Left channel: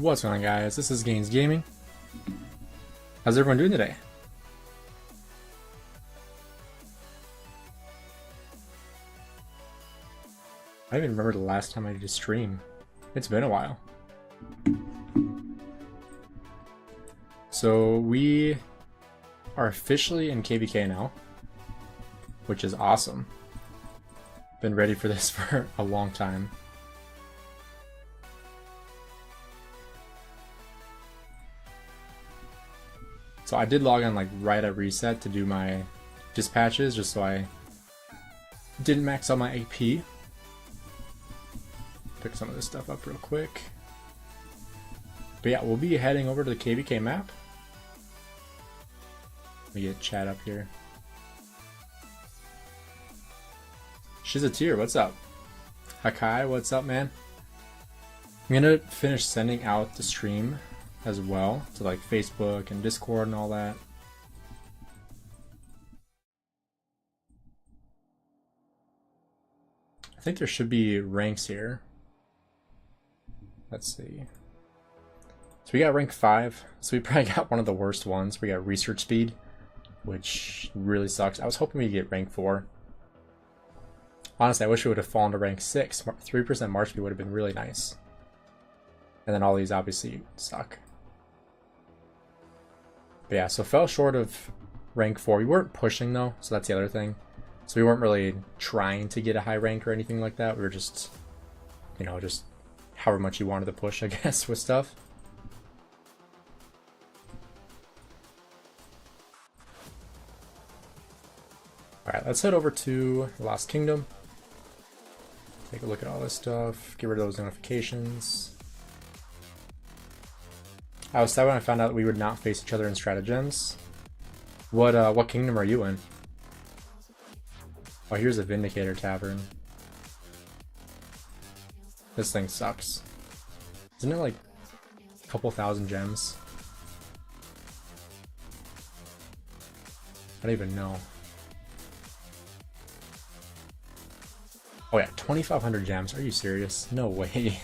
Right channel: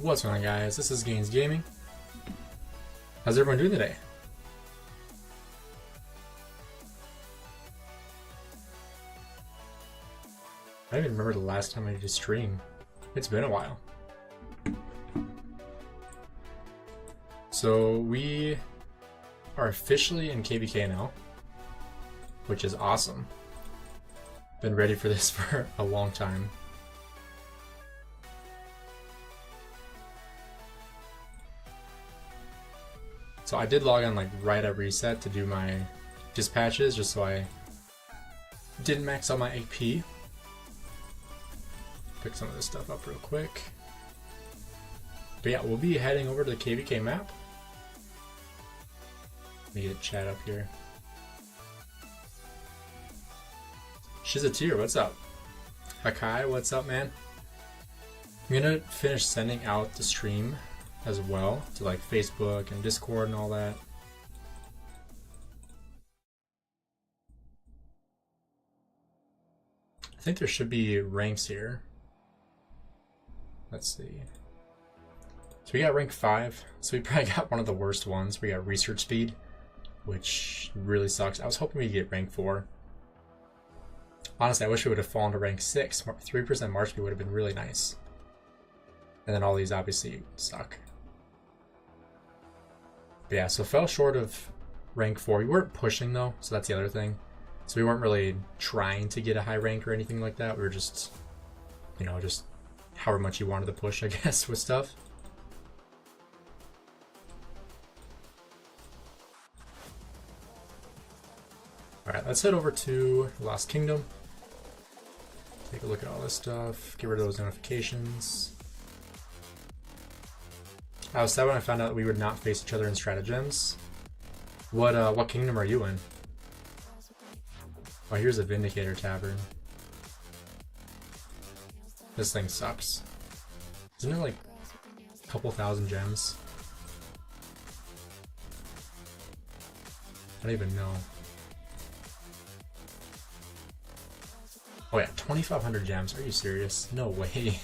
What's going on, guys? This is Gainz Gaming. How's everyone doing today? I don't even remember the last time I did a stream. It's been a while. So we are officially in KVK now, which is awesome. Been ready for this for a long time. So I did log on like right at reset to do my dispatches just so I didn't max out my AP. Pick some of this stuff up real quick. But yeah, we'll be heading over to the KVK map. Let me get chat up here. Shizatir, what's up? Hakai, what's up, man? I'm gonna finish sending out the stream as well to like Facebook and Discord and all that. I think there should be ranks here. Let's see. So we got rank 5, so we probably got one of the worst ones. We got research speed, which really sucks. I was hoping we'd get rank 4. Honestly, I wish we would have fallen to rank 6. 3% march speed would have been really nice. And then all these obviously suck. But yeah, so fell short of rank 4. We weren't pushing though, so that's the other thing. So we weren't really trying to get a high rank or anything like that. We were just, you know, just however much you wanted to push, I guess, with stuff. Alright, let's head over to Lost Kingdom. Take a look at all this stuff. Get rid of those notifications. I was sad when I found out we would not face each other in stratagems. What kingdom are you in? Oh, here's a Vindicator Tavern. This thing sucks. Isn't it like a couple thousand gems? I don't even know. Oh yeah, 2,500 gems. Are you serious? No way.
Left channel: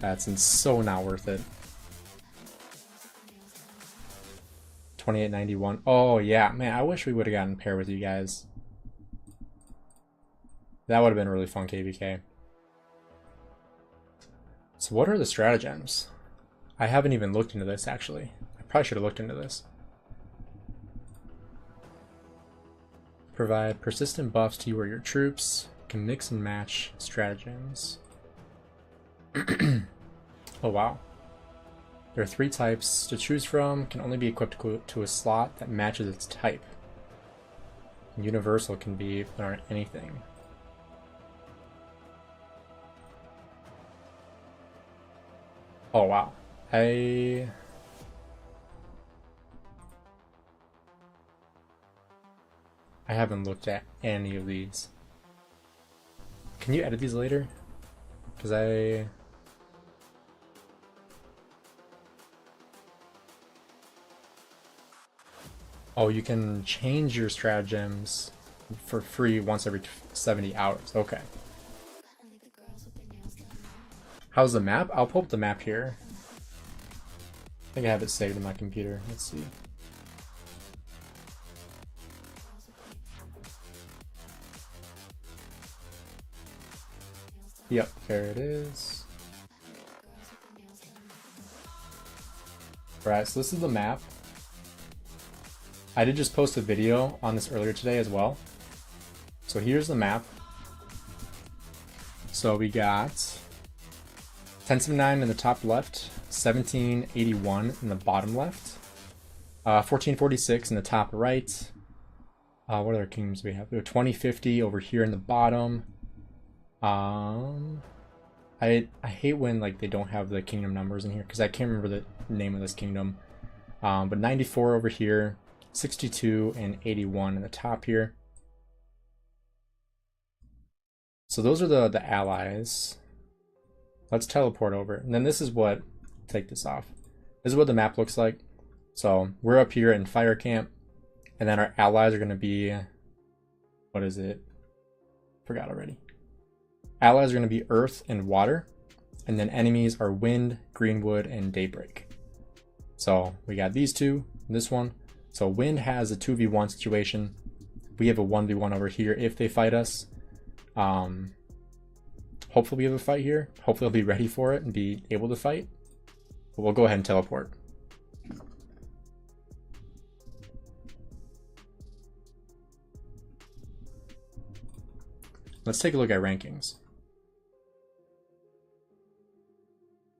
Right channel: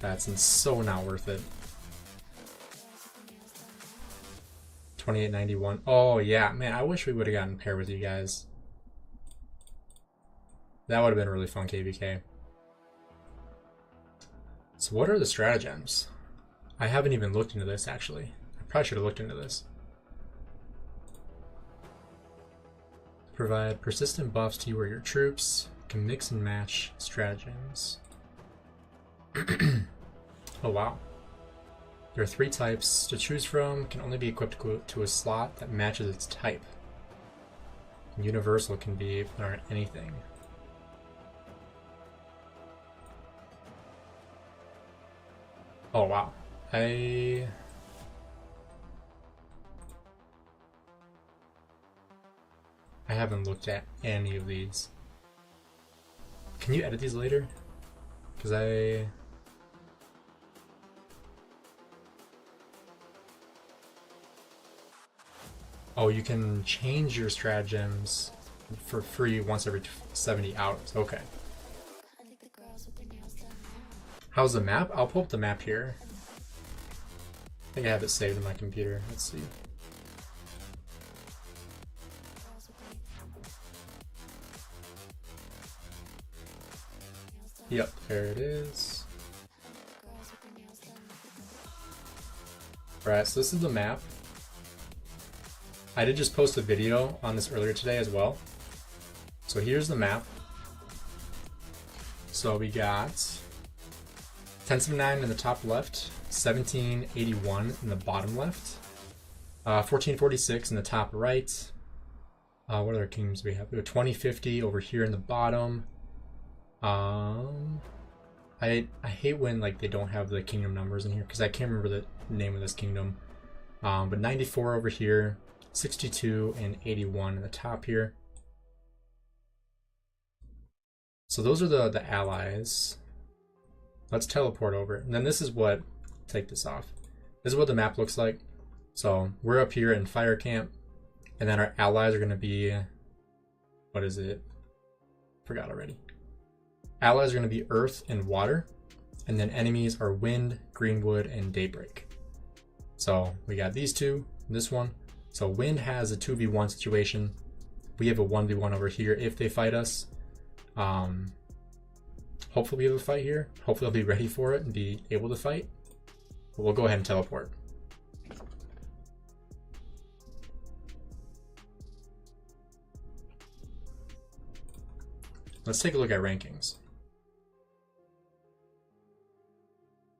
That's so not worth it. 2891. Oh yeah, man, I wish we would have gotten paired with you guys. That would have been really fun, KVK. So what are the stratagems? I haven't even looked into this, actually. I probably should have looked into this. Provide persistent buffs to you or your troops. Can mix and match stratagems. Oh wow. There are 3 types to choose from. Can only be equipped to a slot that matches its type. Universal can be if there aren't anything. Oh wow. I haven't looked at any of these. Can you edit these later? Because Oh, you can change your stratagems for free once every 70 hours. Okay. How's the map? I'll pull up the map here. I think I have it saved in my computer. Let's see. Yep, there it is. Alright, so this is the map. I did just post a video on this earlier today as well. So here's the map. So we got 1079 in the top left, 1781 in the bottom left, 1446 in the top right. What other kingdoms do we have? We have 2050 over here in the bottom. I hate when like they don't have the kingdom numbers in here because I can't remember the name of this kingdom. But 94 over here, 62 and 81 in the top here. So those are the allies. Let's teleport over. And then this is what, take this off. This is what the map looks like. So we're up here in Fire Camp, and then our allies are going to be, what is it? Forgot already. Allies are going to be Earth and Water. And then enemies are Wind, Greenwood, and Daybreak. So we got these two, this one. So Wind has a 2v1 situation. We have a 1v1 over here if they fight us. Hopefully we have a fight here. Hopefully I'll be ready for it and be able to fight. But we'll go ahead and teleport. Let's take a look at rankings.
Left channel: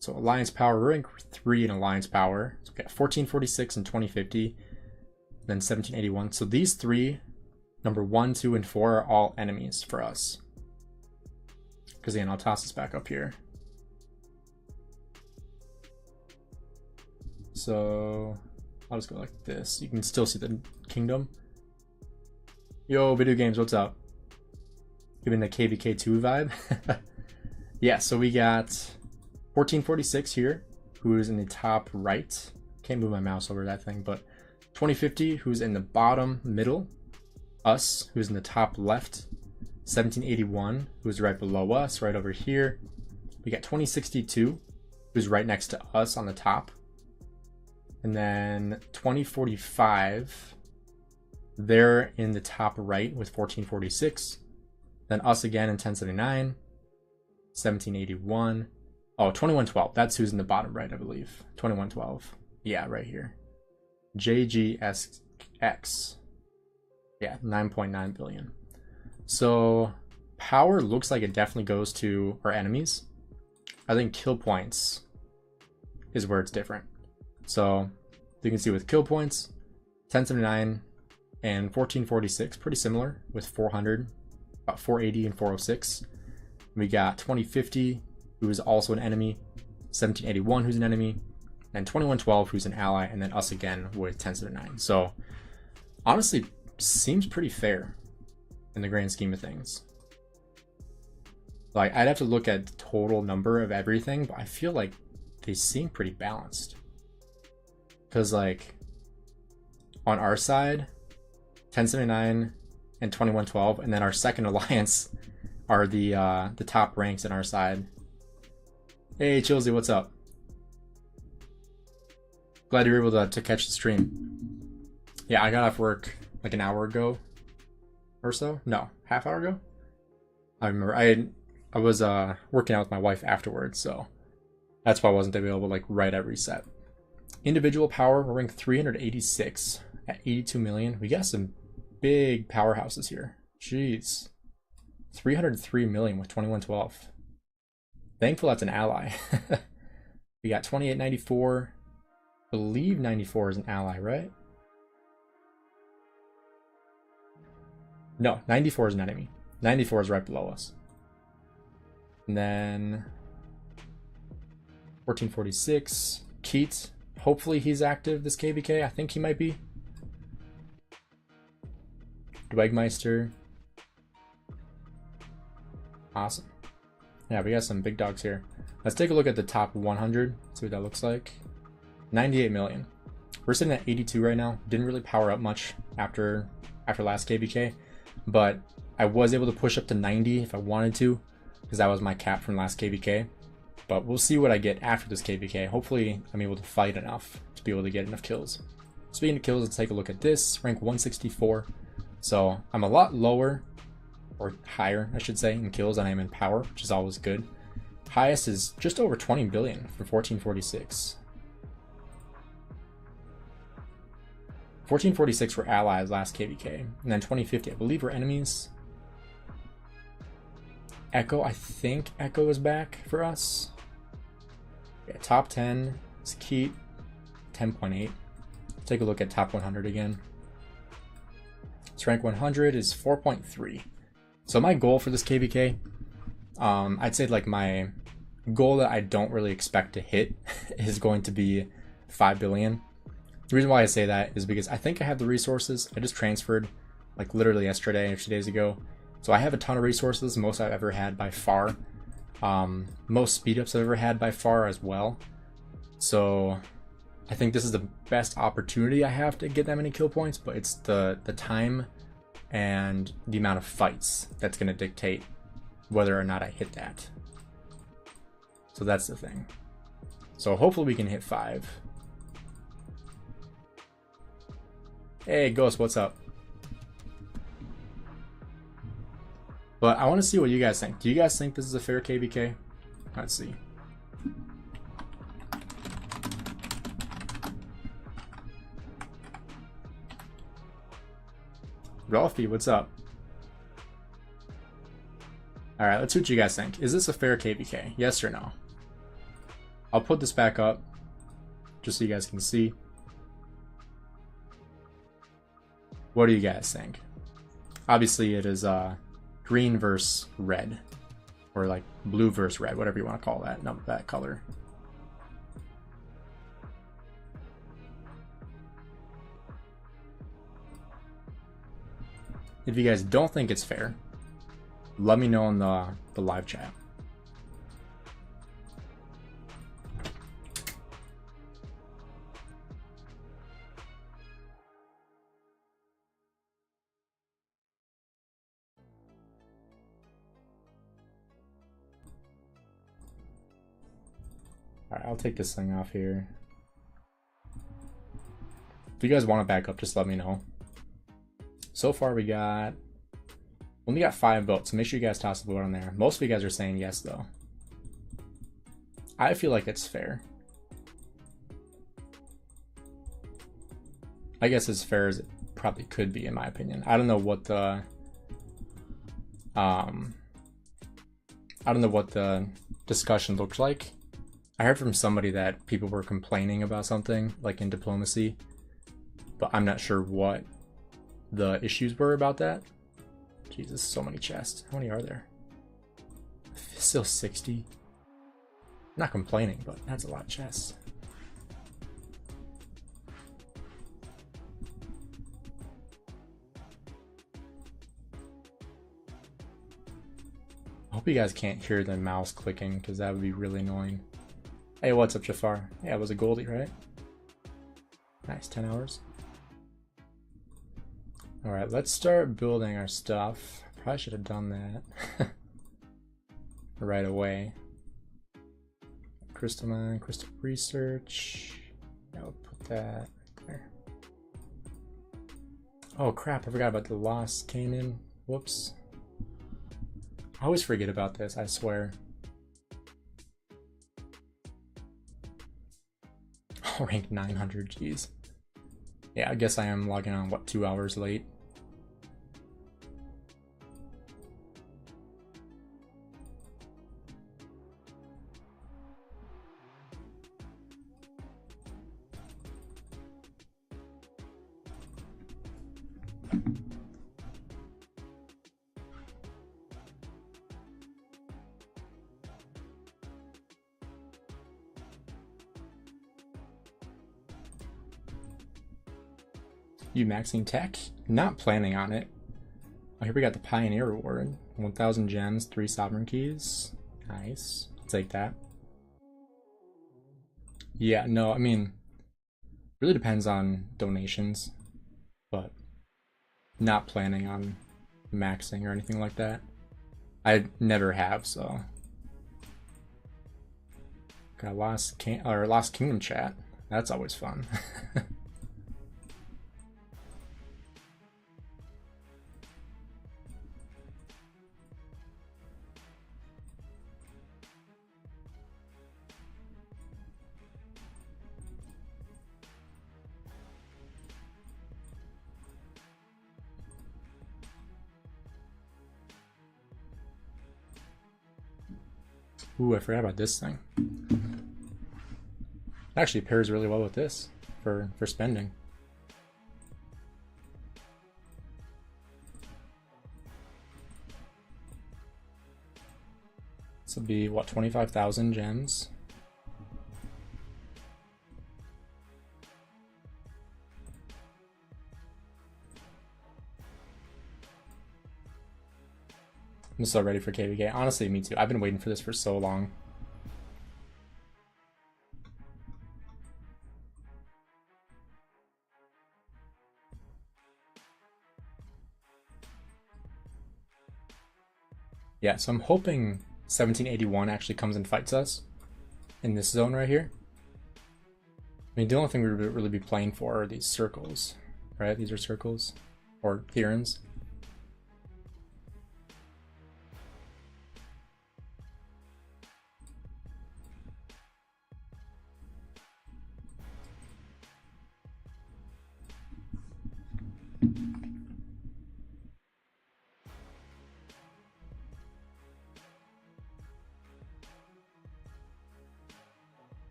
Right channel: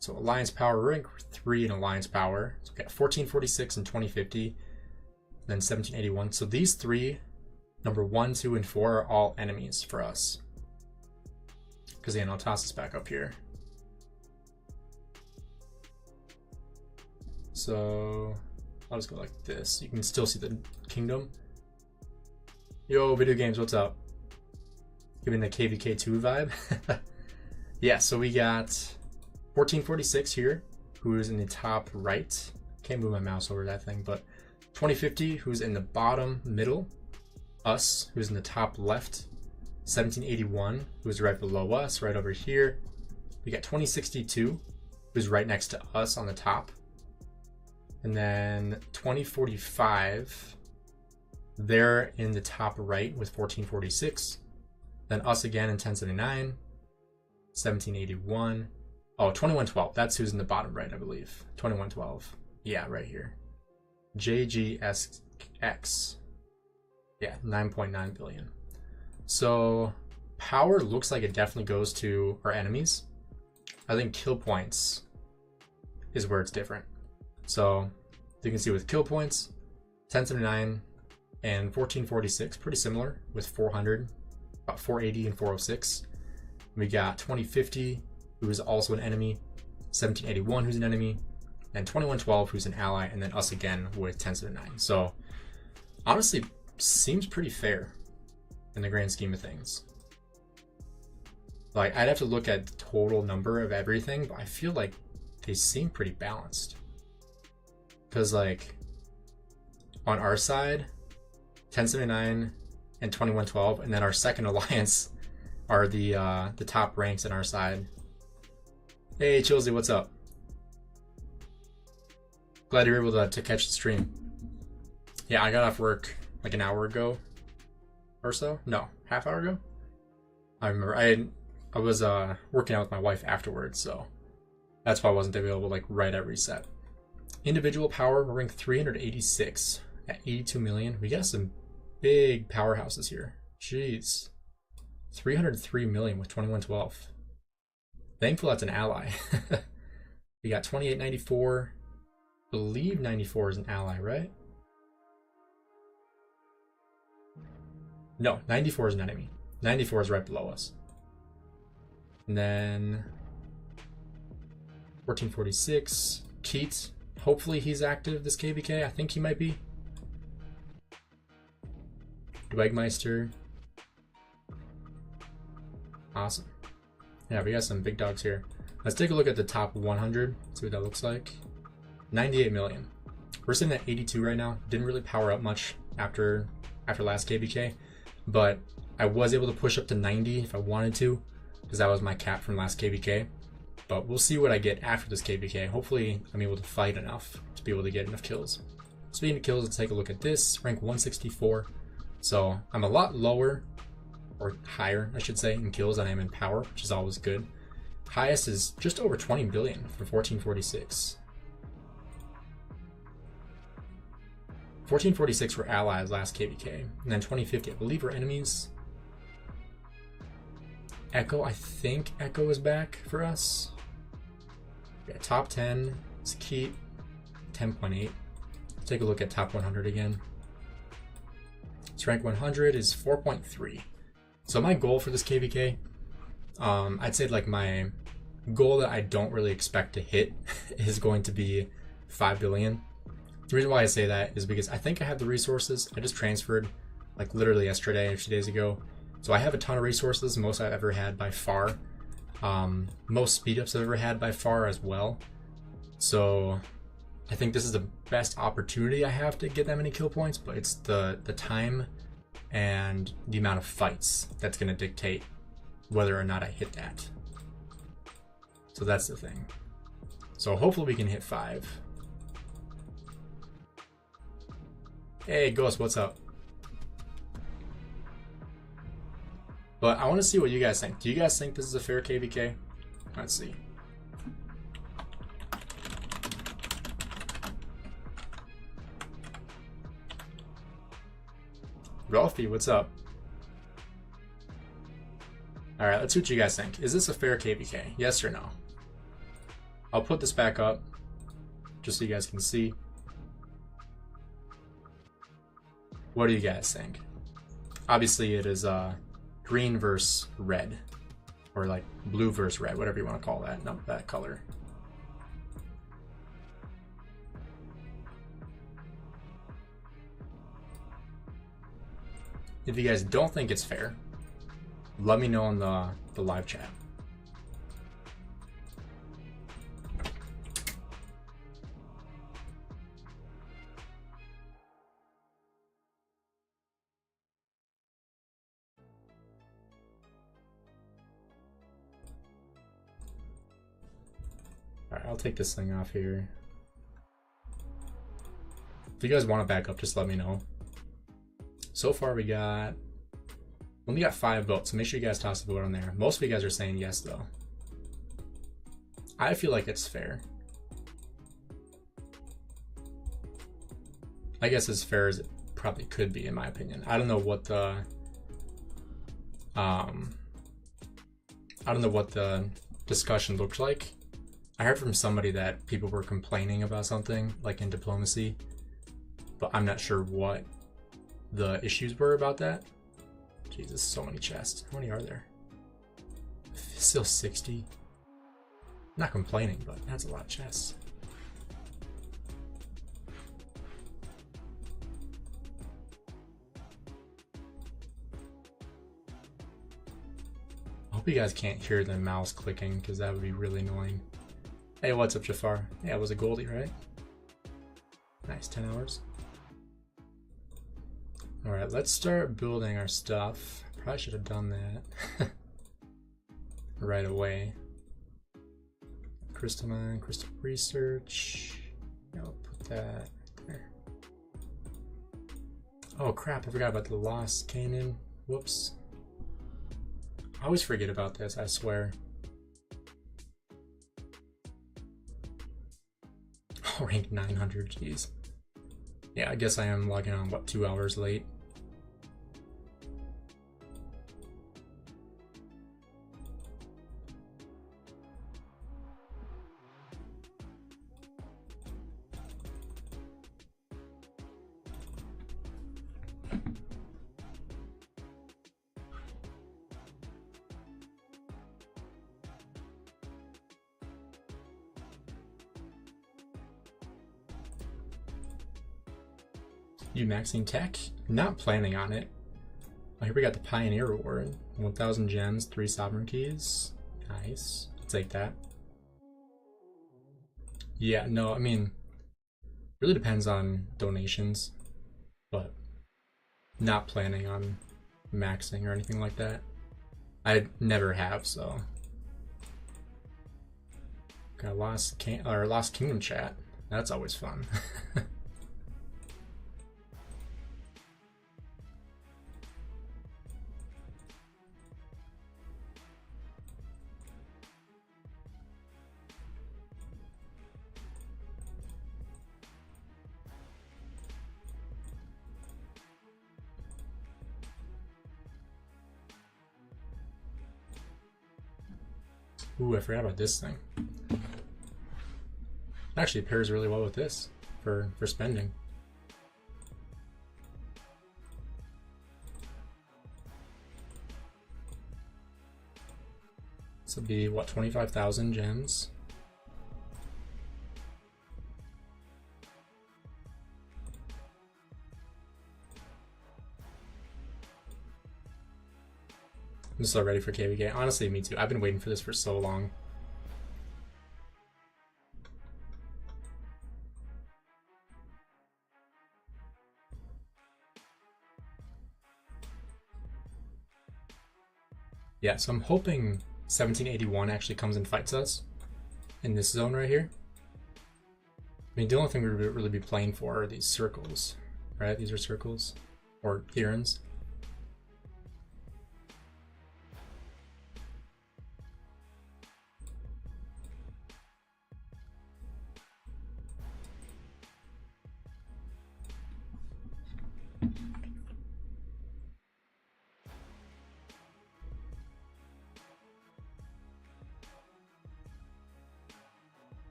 So Alliance Power, rank 3 in Alliance Power. So we got 1446 and 2050, then 1781. So these three, number 1, 2, and 4, are all enemies for us. Because then I'll toss this back up here. So I'll just go like this. You can still see the kingdom. Yo, Video Games, what's up? Giving the KVK 2 vibe. Yeah, so we got 1446 here, who is in the top right. Can't move my mouse over that thing, but 2050, who's in the bottom middle. Us, who's in the top left. 1781, who's right below us, right over here. We got 2062, who's right next to us on the top. And then 2045, they're in the top right with 1446. Then us again in 1079, 1781. Oh, 2112. That's who's in the bottom right, I believe. 2112. Yeah, right here. JGSX. Yeah, 9.9 billion. So power looks like it definitely goes to our enemies. I think kill points is where it's different. So you can see with kill points, 1079 and 1446, pretty similar with 400, about 480 and 406. We got 2050, who is also an enemy, 1781, who's an enemy, and 2112, who's an ally, and then us again with 1079. So honestly, seems pretty fair in the grand scheme of things. Like, I'd have to look at the total number of everything, but I feel like they seem pretty balanced. Because, like, on our side, 1079 and 2112, and then our second alliance are the top ranks in our side. Hey, Chilsey, what's up? Glad you're able to catch the stream. Yeah, I got off work like an hour ago or so. No, half hour ago. I remember I was working out with my wife afterwards, so that's why I wasn't available like right at reset. Individual power, we're ranked 386 at 82 million. We got some big powerhouses here. Jeez. 303 million with 2112. Thankful that's an ally. We got 2894. Believe 94 is an ally, right? No, 94 is an enemy. 94 is right below us. And then 1446. Keats. Hopefully he's active, this KVK. I think he might be. Dwegmeister. Awesome. Yeah, we got some big dogs here. Let's take a look at the top 100. See what that looks like. 98 million. We're sitting at 82 right now. Didn't really power up much after last KVK, but I was able to push up to 90 if I wanted to, because that was my cap from last KVK. But we'll see what I get after this KVK. Hopefully I'm able to fight enough to be able to get enough kills. Speaking of kills, let's take a look at this. Rank 164. So I'm a lot lower, or higher, I should say, in kills than I am in power, which is always good. Highest is just over 20 billion for 1446. 1446 were allies last KVK, and then 2050, I believe, were enemies. Echo, I think Echo is back for us. Yeah, top 10, it's Keat, 10.8. Take a look at top 100 again. So rank 100 is 4.3. So my goal for this KVK, I'd say like my goal that I don't really expect to hit is going to be 5 billion. The reason why I say that is because I think I have the resources. I just transferred like literally yesterday or 2 days ago. So I have a ton of resources, most I've ever had by far. Most speed ups I've ever had by far as well. So I think this is the best opportunity I have to get that many kill points, but it's the time and the amount of fights that's going to dictate whether or not I hit that. So that's the thing. So hopefully we can hit 5. Hey, Ghost, what's up? But I want to see what you guys think. Do you guys think this is a fair KVK? Let's see. Ralphie, what's up? Alright, let's see what you guys think. Is this a fair KVK? Yes or no? I'll put this back up just so you guys can see. What do you guys think? Obviously it is green versus red, or like blue versus red, whatever you want to call that, not that color. If you guys don't think it's fair, let me know in the live chat. Alright, I'll take this thing off here. If you guys want to back up, just let me know. So far we only got 5 votes, so make sure you guys toss a vote on there. Most of you guys are saying yes though. I feel like it's fair. I guess as fair as it probably could be in my opinion. I don't know what the discussion looked like. I heard from somebody that people were complaining about something like in diplomacy, but I'm not sure what the issues were about that. Jesus, so many chests. How many are there? Still 60. Not complaining, but that's a lot of chests. I hope you guys can't hear the mouse clicking because that would be really annoying. Hey, what's up, Jafar? Yeah, it was a Goldie, right? Nice, 10 hours. Alright, let's start building our stuff. Probably should have done that right away. Crystal mine, crystal research. I'll put that there. Oh crap, I forgot about the lost Canaan. Whoops. I always forget about this, I swear. Oh, rank 900, jeez. Yeah, I guess I am logging on, what, 2 hours late? You maxing tech? Not planning on it. Oh, here we got the Pioneer Reward. 1,000 gems, 3 Sovereign Keys. Nice. I'll take that. Yeah, no, I mean, really depends on donations, but not planning on maxing or anything like that. I never have, so. Got Lost Kingdom chat. That's always fun. Ooh, I forgot about this thing. It actually pairs really well with this for spending. This will be, what, 25,000 gems? I'm so ready for KVK. Honestly, me too. I've been waiting for this for so long. Yeah, so I'm hoping 1781 actually comes and fights us. in this zone right here. I mean, the only thing we would really be playing for are these circles, right? These are circles or theorems.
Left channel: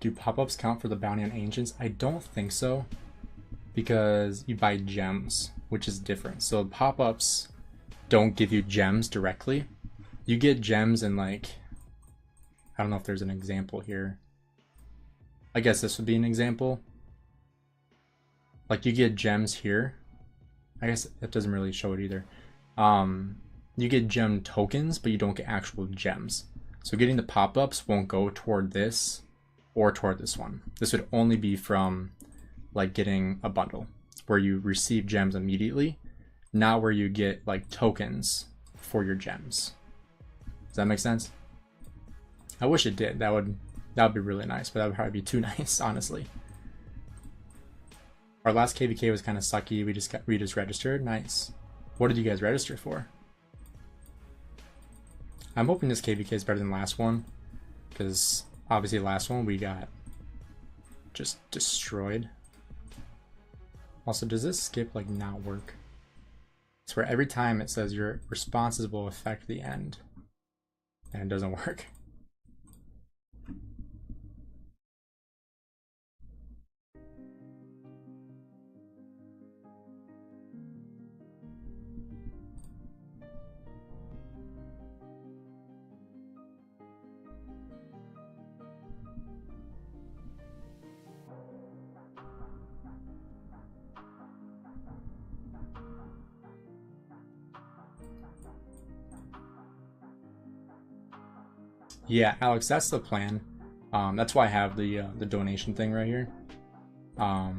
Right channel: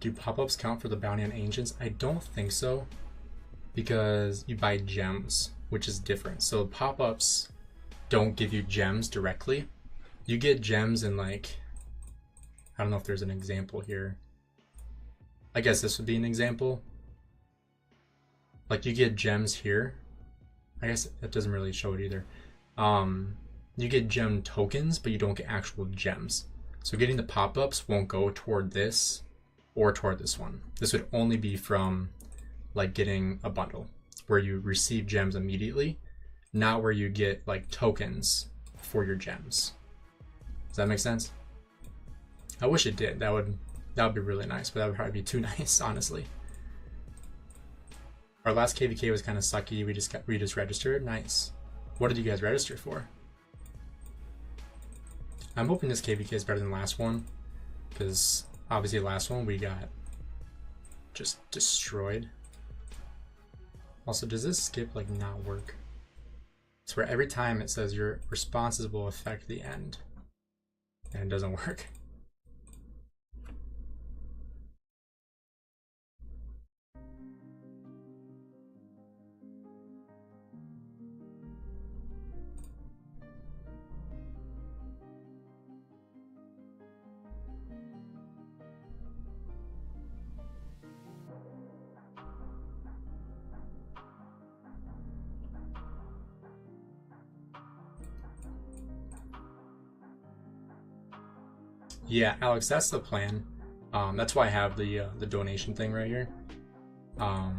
Do pop-ups count for the bounty on ancients? I don't think so, because you buy gems, which is different. So pop-ups don't give you gems directly. You get gems in, like, I don't know if there's an example here. I guess this would be an example. Like, you get gems here. I guess that doesn't really show it either. You get gem tokens, but you don't get actual gems. So getting the pop-ups won't go toward this or toward this one. This would only be from, like, getting a bundle where you receive gems immediately, not where you get, like, tokens for your gems. Does that make sense? I wish it did. That would be really nice, but that would probably be too nice, honestly. Our last KVK was kind of sucky. We just registered. Nice. What did you guys register for? I'm hoping this KVK is better than last one, because obviously last one we got just destroyed. Also, does this skip like not work? It's where every time it says your responses will affect the end, and it doesn't work. Yeah, Alex, that's the plan. That's why I have the donation thing right here. So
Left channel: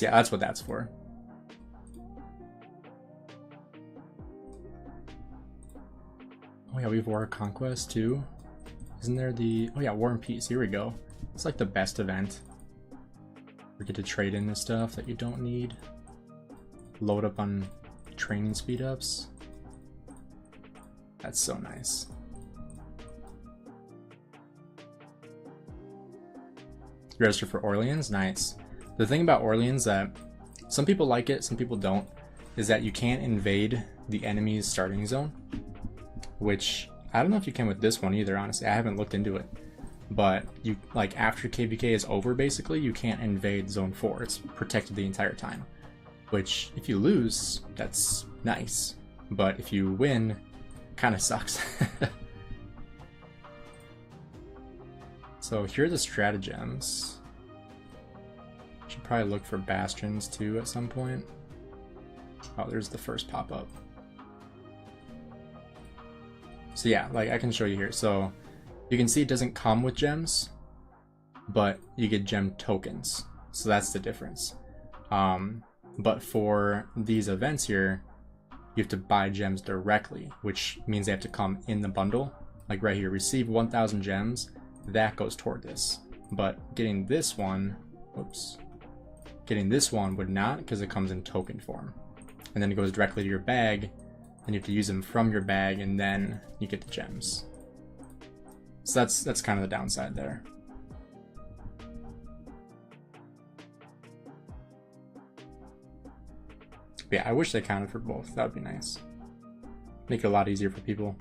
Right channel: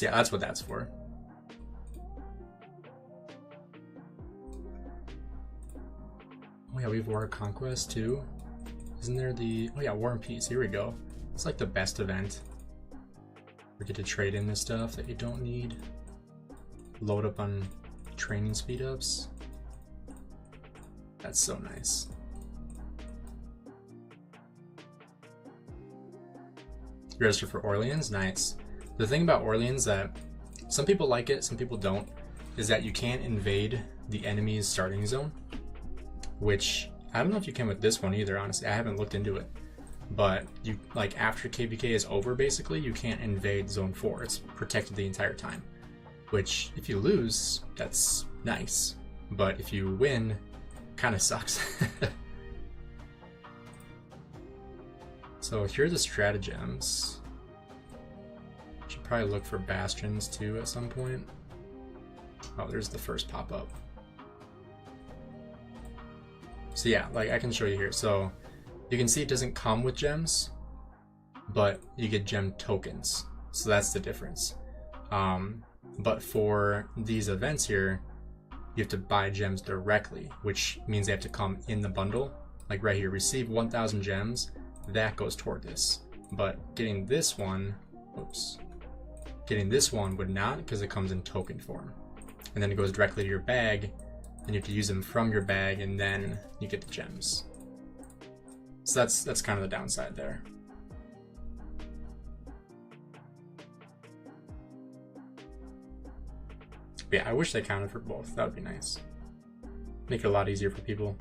yeah, that's what that's for. Oh yeah, we have War of Conquest too. Isn't there the... Oh yeah, War and Peace. Here we go. It's like the best event. We get to trade in the stuff that you don't need. Load up on training speed ups. That's so nice. Register for Orleans, nice. The thing about Orleans that some people like it, some people don't, is that you can't invade the enemy's starting zone, which I don't know if you can with this one either, honestly. I haven't looked into it. But you, like, after KVK is over, basically, you can't invade zone 4. It's protected the entire time, which if you lose, that's nice. But if you win, kind of sucks. So here are the stratagems. Should probably look for bastions too at some point. Oh, there's the first pop-up. So yeah, like I can show you here. So you can see it doesn't come with gems, but you get gem tokens. So that's the difference. But for these events here, you have to buy gems directly, which means they have to come in the bundle. Like right here, receive 1,000 gems. That goes toward this, but getting this one, getting this one would not, because it comes in token form, and then it goes directly to your bag, and you have to use them from your bag, and then you get the gems. So that's kind of the downside there. But yeah, I wish they counted for both. That would be nice. Make it a lot easier for people.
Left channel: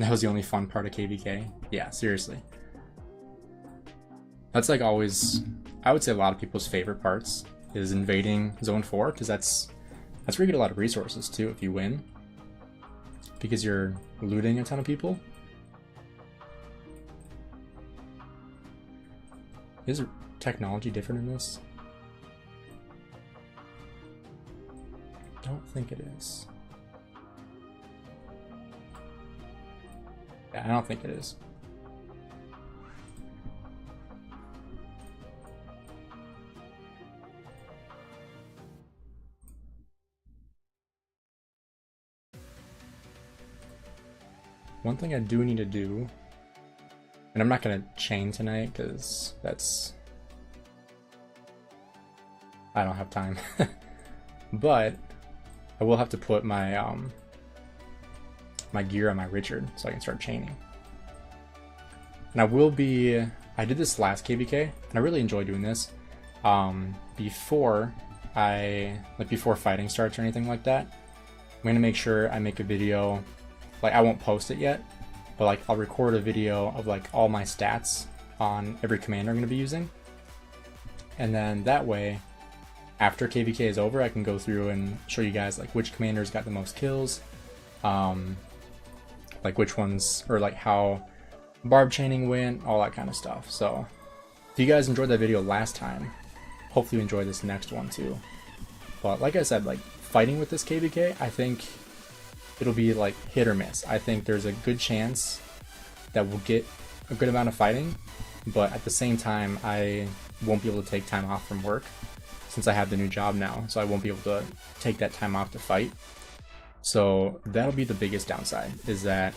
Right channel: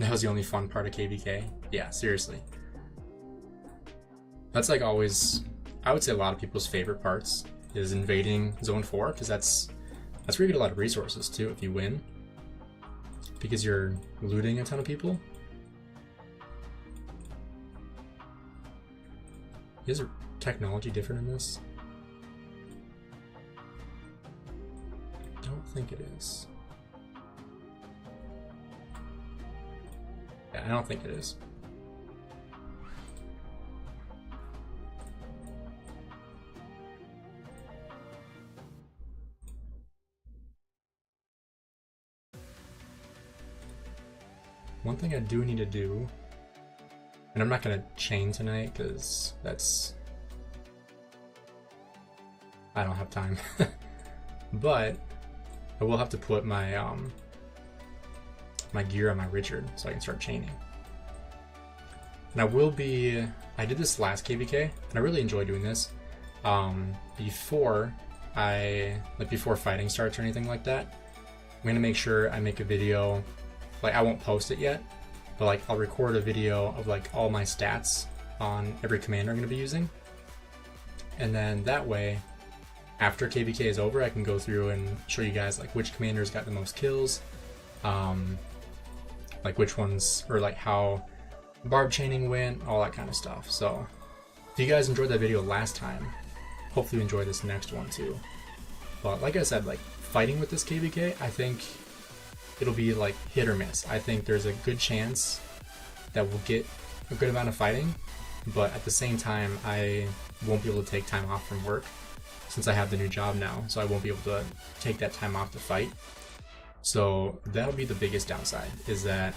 That was the only fun part of KVK. Yeah, seriously. That's like always, I would say a lot of people's favorite parts is invading Zone 4, because that's where you get a lot of resources too if you win. Because you're looting a ton of people. Is technology different in this? I don't think it is. I don't think it is. one thing I do need to do, and I'm not going to chain tonight because I don't have time, but I will have to put my my gear on my Richard so I can start chaining. And I did this last KVK, and I really enjoy doing this. Before fighting starts or anything like that, I'm gonna make sure I make a video. Like, I won't post it yet, but like I'll record a video of like all my stats on every commander I'm gonna be using, and then that way, after KVK is over, I can go through and show you guys like which commanders got the most kills, like which ones, or like how barb chaining went, all that kind of stuff. So if you guys enjoyed that video last time, hopefully you enjoy this next one too. But like I said, like fighting with this KVK, I think it'll be like hit or miss. I think there's a good chance that we'll get a good amount of fighting, but at the same time, I won't be able to take time off from work since I have the new job now, so I won't be able to take that time off to fight. So that'll be the biggest downside, is that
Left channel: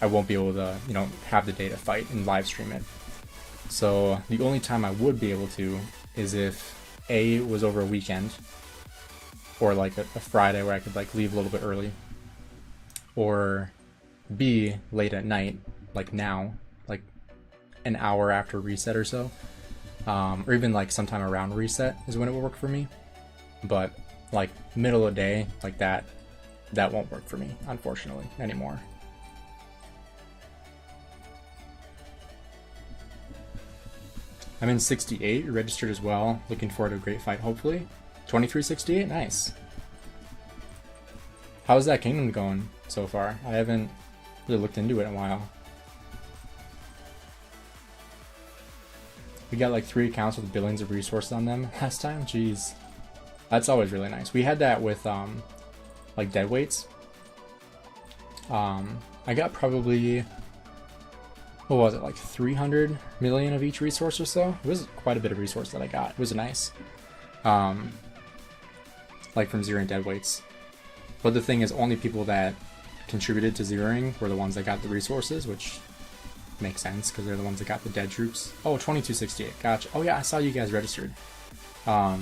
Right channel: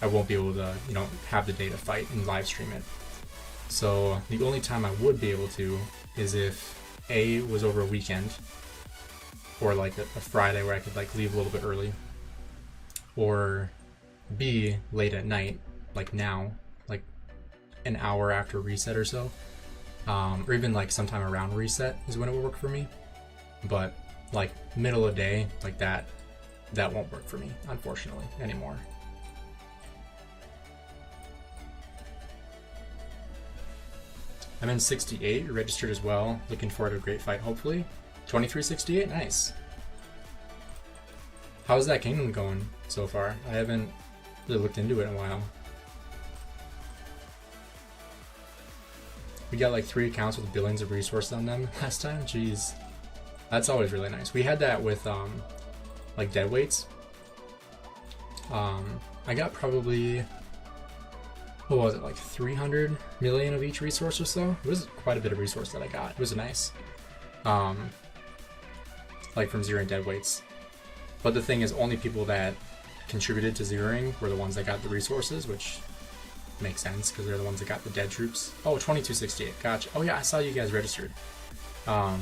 I won't be able to, you know, have the day to fight and live stream it. So the only time I would be able to is if A, was over a weekend, or like a Friday where I could like leave a little bit early, or B, late at night, like now, like an hour after reset or so, or even like sometime around reset is when it will work for me. But like middle of the day, like that won't work for me, unfortunately, anymore. I'm in 68, registered as well. Looking forward to a great fight, hopefully. 2368, nice. How's that kingdom going so far? I haven't really looked into it in a while. We got like 3 accounts with billions of resources on them last time. Jeez, that's always really nice. We had that with like deadweights. I got probably, what was it, like 300 million of each resource or so? It was quite a bit of resource that I got. It was nice. Like from zeroing deadweights. But the thing is, only people that contributed to zeroing were the ones that got the resources, which makes sense because they're the ones that got the dead troops. Oh, 2268, gotcha. Oh yeah, I saw you guys registered. Yeah,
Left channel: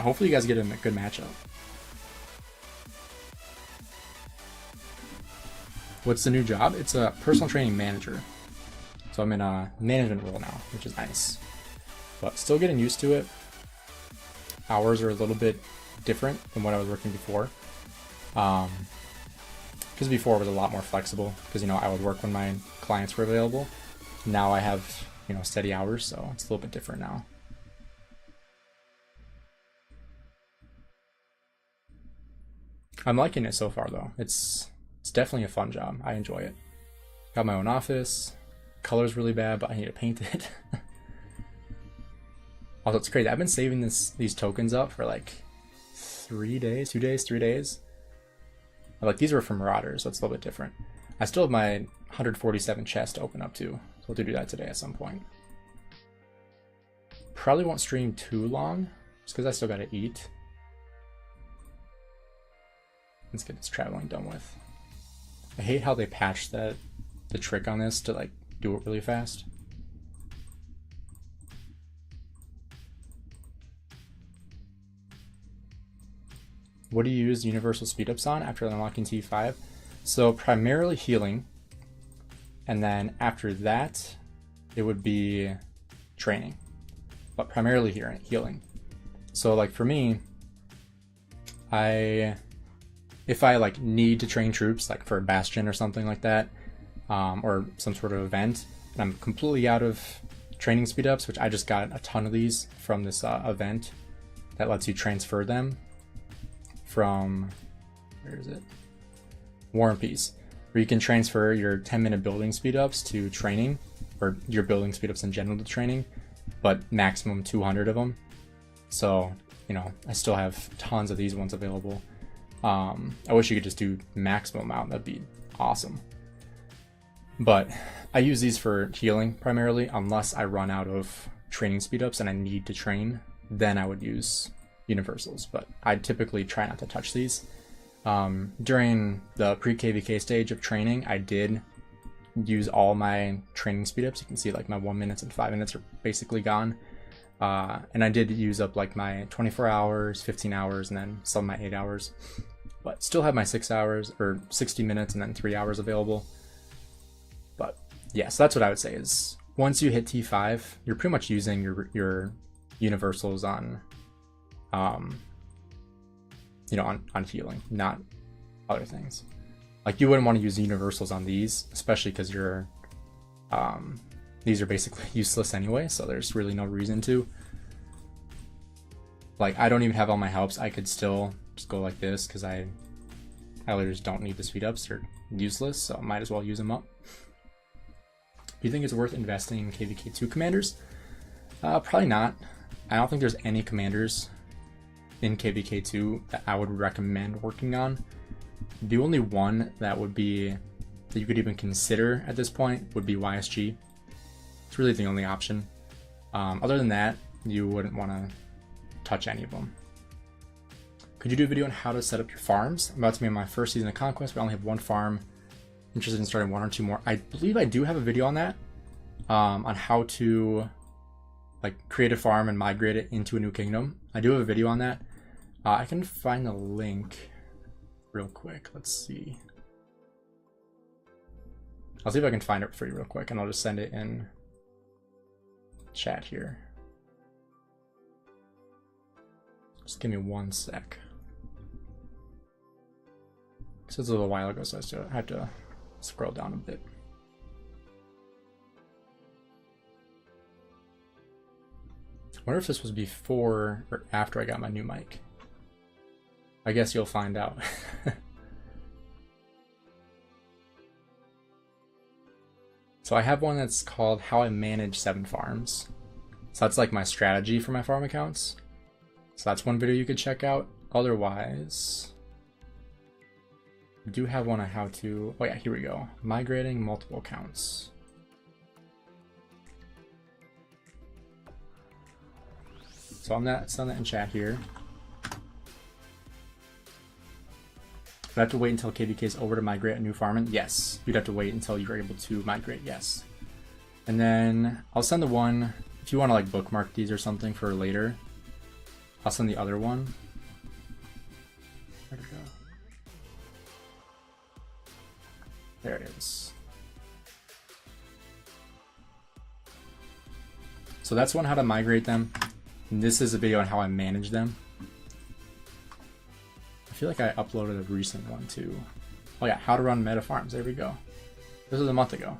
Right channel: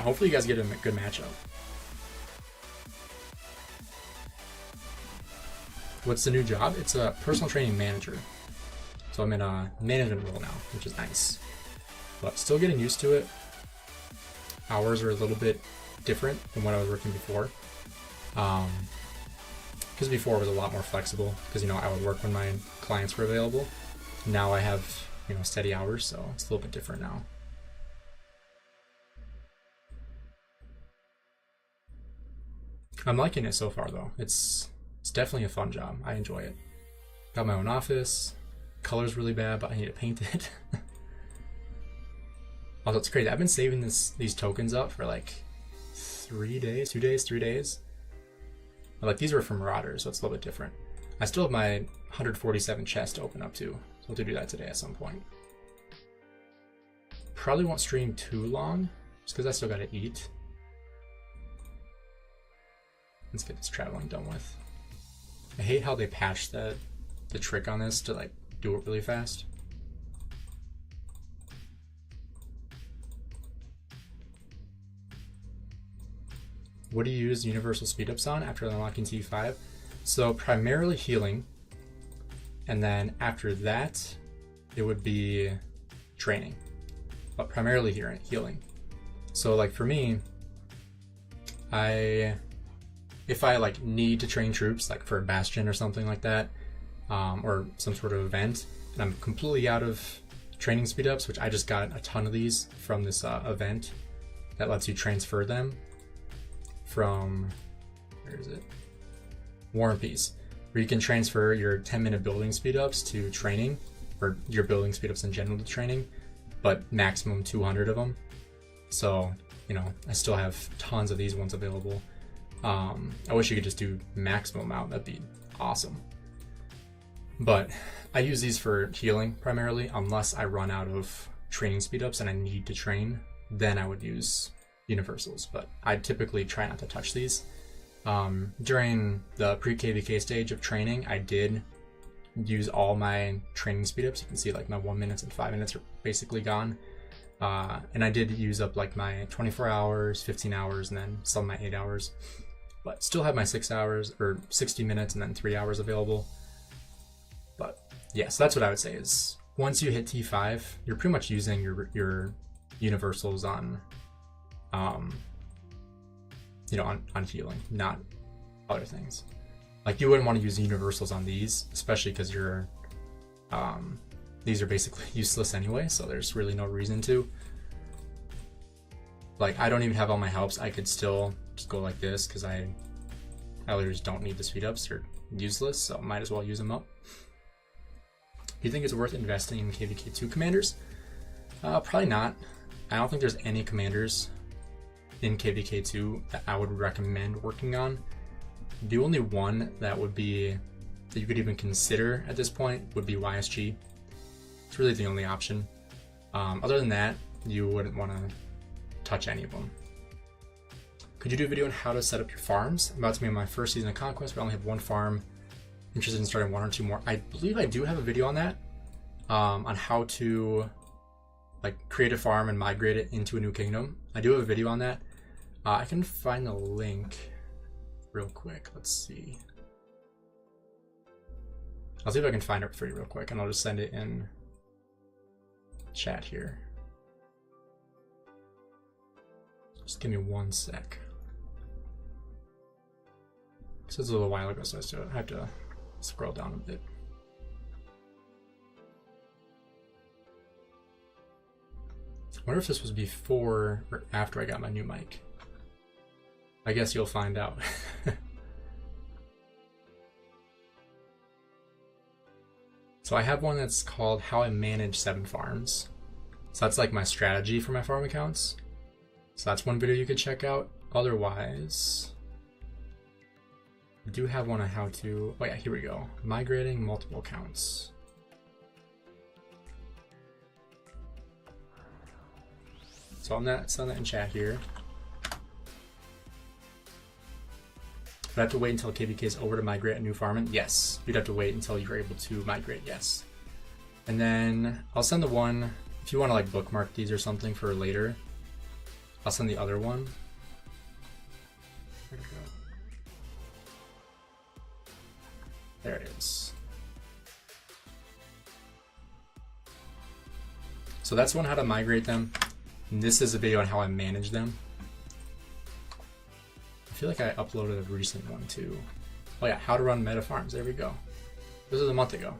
hopefully you guys get a good matchup. What's the new job? It's a personal training manager. So I'm in a management role now, which is nice. But still getting used to it. Hours are a little bit different than what I was working before. Because before it was a lot more flexible, because, you know, I would work when my clients were available. Now I have, you know, steady hours, so it's a little bit different now. I'm liking it so far though. It's definitely a fun job. I enjoy it. Got my own office. Color's really bad, but I need to paint it. Also, it's crazy. I've been saving these tokens up for like 3 days, 2 days, 3 days. Like, these were from Marauders, so it's a little bit different. I still have my 147 chest to open up too, so we'll do that today at some point. Probably won't stream too long, just because I still gotta eat. Let's get this traveling done with. I hate how they patched the trick on this to like do it really fast. What do you use universal speedups on after unlocking T5? So primarily healing, and then after that, it would be training, but primarily healing. So like for me, if I like need to train troops, like for a bastion or something like that, or some sort of event, and I'm completely out of training speedups, which I just got a ton of these from this event that lets you transfer them from, where is it? War and Peace, where you can transfer your 10-minute building speedups to training, or your building speedups in general to training, but maximum 200 of them. So, you know, I still have tons of these ones available. I wish you could just do maximum amount. That'd be awesome. But I use these for healing primarily, unless I run out of training speedups and I need to train, then I would use universals. But I typically try not to touch these. During the pre-KVK stage of training, I did use all my training speed ups. You can see like my 1 minute and 5 minutes are basically gone. And I did use up like my 24 hours, 15 hours, and then some of my 8 hours. But still have my 6 hours or 60 minutes and then 3 hours available. But yeah, so that's what I would say is once you hit T5, you're pretty much using your universals on, you know, on healing, not other things. Like you wouldn't want to use universals on these, especially because you're, these are basically useless anyway, so there's really no reason to. Like I don't even have all my helps. I could still just go like this because I literally just don't need the speed ups. They're useless, so might as well use them up. Do you think it's worth investing in KVK2 commanders? Probably not. I don't think there's any commanders in KVK2 that I would recommend working on. The only one that would be that you could even consider at this point would be YSG. It's really the only option. Other than that, you wouldn't want to touch any of them. Could you do a video on how to set up your farms? I'm about to be on my first season of Conquest. We only have one farm. Interested in starting 1 or 2 more. I believe I do have a video on that, on how to like create a farm and migrate it into a new kingdom. I do have a video on that. I can find the link real quick. Let's see. I'll see if I can find it for you real quick, and I'll just send it in chat here. Just give me 1 sec. This is a little while ago, so I have to scroll down a bit. I wonder if this was before or after I got my new mic. I guess you'll find out. So I have one that's called How I Manage 7 Farms. So that's like my strategy for my farm accounts. So that's one video you could check out. Otherwise, I do have one on how to, oh yeah, here we go. Migrating multiple accounts. So on that, send that in chat here. Do I have to wait until KVK is over to migrate a new farming? Yes, you'd have to wait until you're able to migrate, yes. And then I'll send the one, if you want to like bookmark these or something for later, I'll send the other one. There we go. There it is. So that's one how to migrate them. And this is a video on how I manage them. I feel like I uploaded a recent one too. Oh yeah, how to run meta farms. There we go. This was a month ago.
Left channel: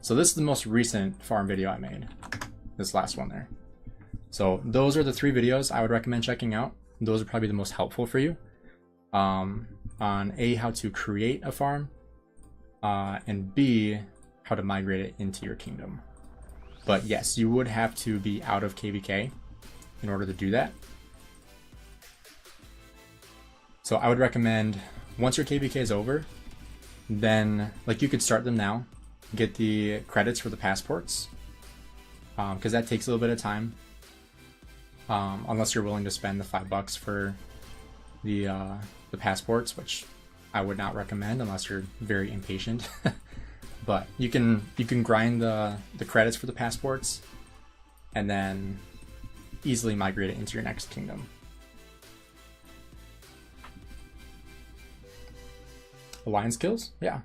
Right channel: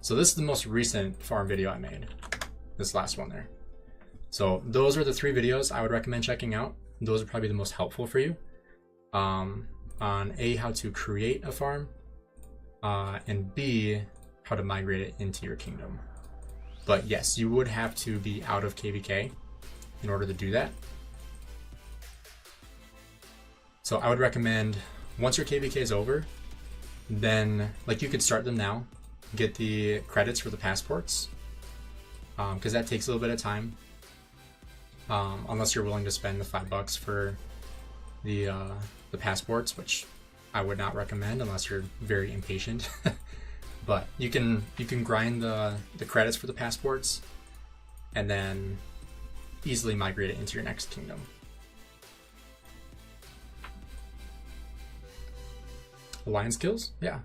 So this is the most recent farm video I made. This last one there. So those are the 3 videos I would recommend checking out. Those are probably the most helpful for you. On A, how to create a farm, and B, how to migrate it into your kingdom. But yes, you would have to be out of KVK in order to do that. So I would recommend once your KVK is over, then like you could start them now, get the credits for the passports, because that takes a little bit of time. Unless you're willing to spend the $5 for the passports, which I would not recommend unless you're very impatient. But you can grind the credits for the passports and then easily migrate it into your next kingdom. Alliance kills? Yeah.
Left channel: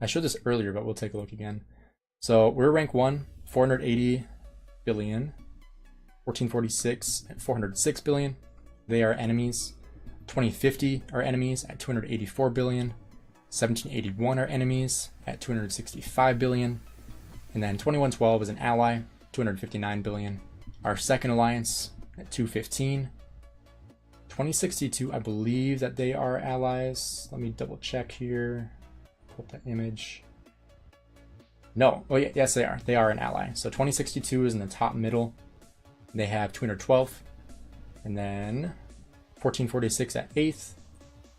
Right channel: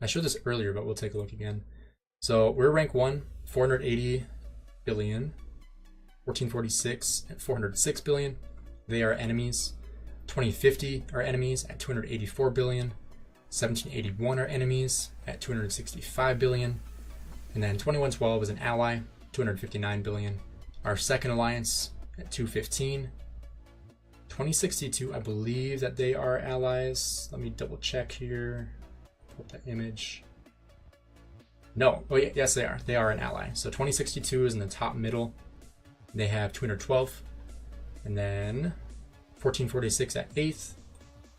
I showed this earlier, but we'll take a look again. So we're rank 1, 480 billion. 1446 at 406 billion. They are enemies. 2050 are enemies at 284 billion. 1781 are enemies at 265 billion. And then 2112 is an ally, 259 billion. Our second alliance at 215. 2062, I believe that they are allies. Let me double check here. Pull up that image. No, oh yeah, yes they are. They are an ally. So 2062 is in the top middle. They have 212, and then 1446 at 8th,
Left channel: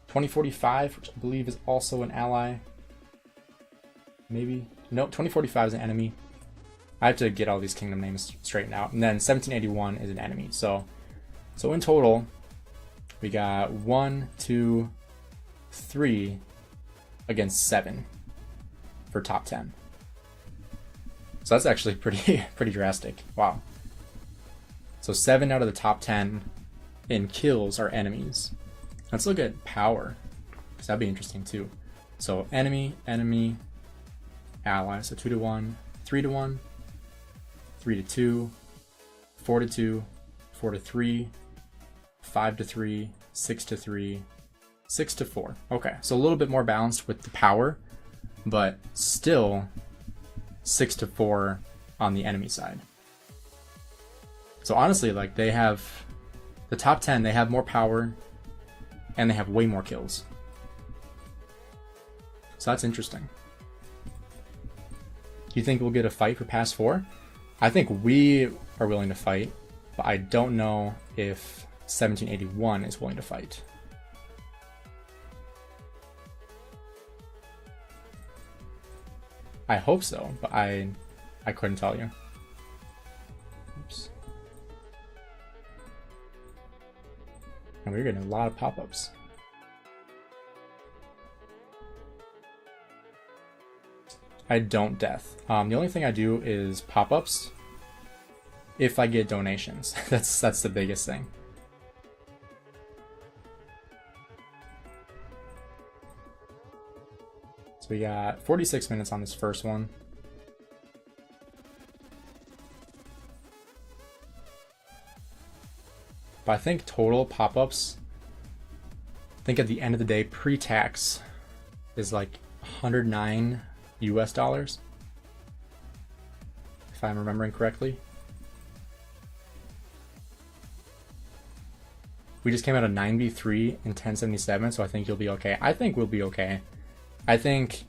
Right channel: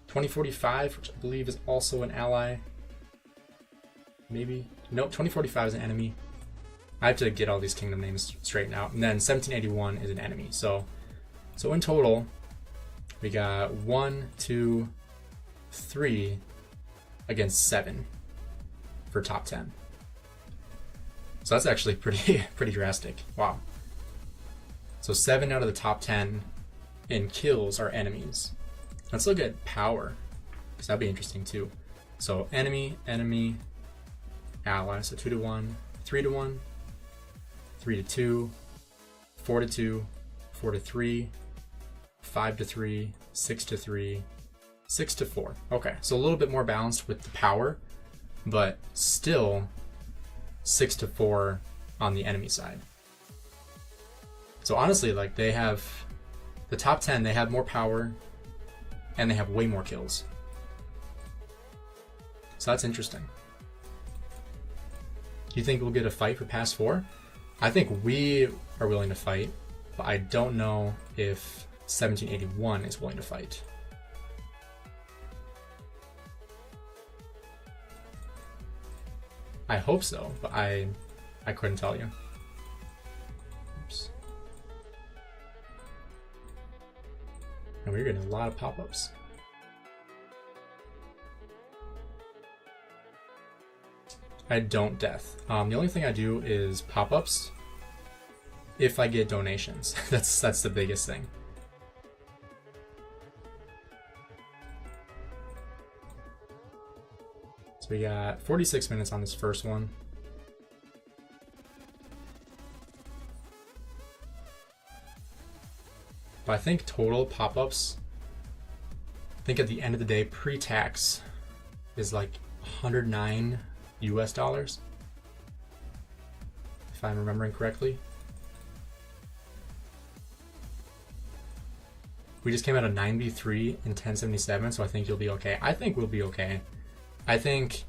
2045, which I believe is also an ally. Maybe, no, 2045 is an enemy. I have to get all these kingdom names straightened out. And then 1781 is an enemy. So in total, We got 1, 2, 3 against 7 for top 10. So that's actually pretty drastic. Wow. So 7 out of the top 10 in kills are enemies. Let's look at power, because that'd be interesting too. So enemy, ally. So 2 to 1, 3 to 1, 3 to 2, 4 to 2, 4 to 3, 5 to 3, 6 to 3, 6 to 4. Okay, so a little bit more balanced with the power, but still 6 to 4 on the enemy side. So honestly, like, they have the top 10, they have more power and they have way more kills. So that's interesting. Do you think we'll get a fight for past 4? I think we are willing to fight, but I don't know if 1781 is willing to fight. I hope so, but I couldn't tell you. Oops. And we're getting a lot of pop-ups. I don't death. The only thing I do is pop-ups if I get donations. That's the biggest thing. So we got 46 minutes on this first one. But I think total pop-ups, I think at the end of the day, pre-tax is like $109 US, if I'm remembering correctly. We just came out of 9v3 and 1077, so I think you'll be okay. I think we'll be okay. I think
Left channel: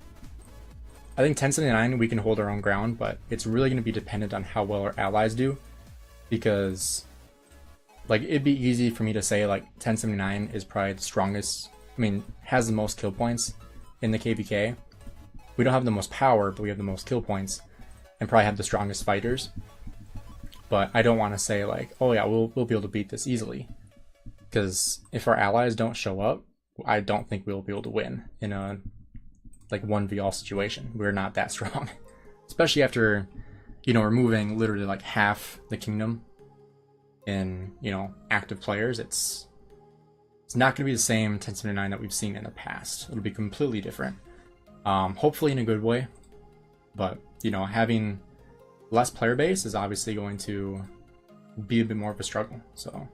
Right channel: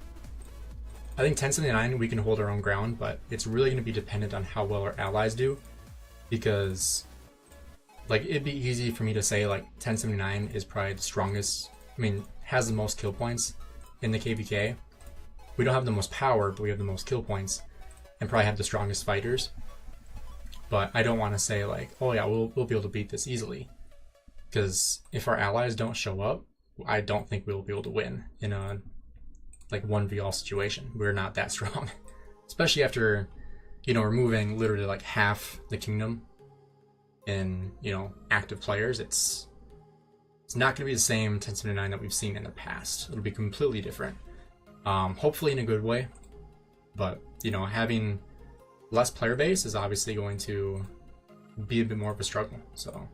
1079 we can hold our own ground, but it's really going to be dependent on how well our allies do, because like it'd be easy for me to say like 1079 is probably the strongest, I mean, has the most kill points in the KVK. We don't have the most power, but we have the most kill points and probably have the strongest fighters. But I don't want to say like, oh yeah, we'll be able to beat this easily, because if our allies don't show up, I don't think we'll be able to win in a like 1v all situation. We're not that strong, especially after, you know, removing literally like half the kingdom in, you know, active players. It's not going to be the same 1079 that we've seen in the past. It'll be completely different. Hopefully in a good way, but you know, having less player base is obviously going to be a bit more of a struggle. So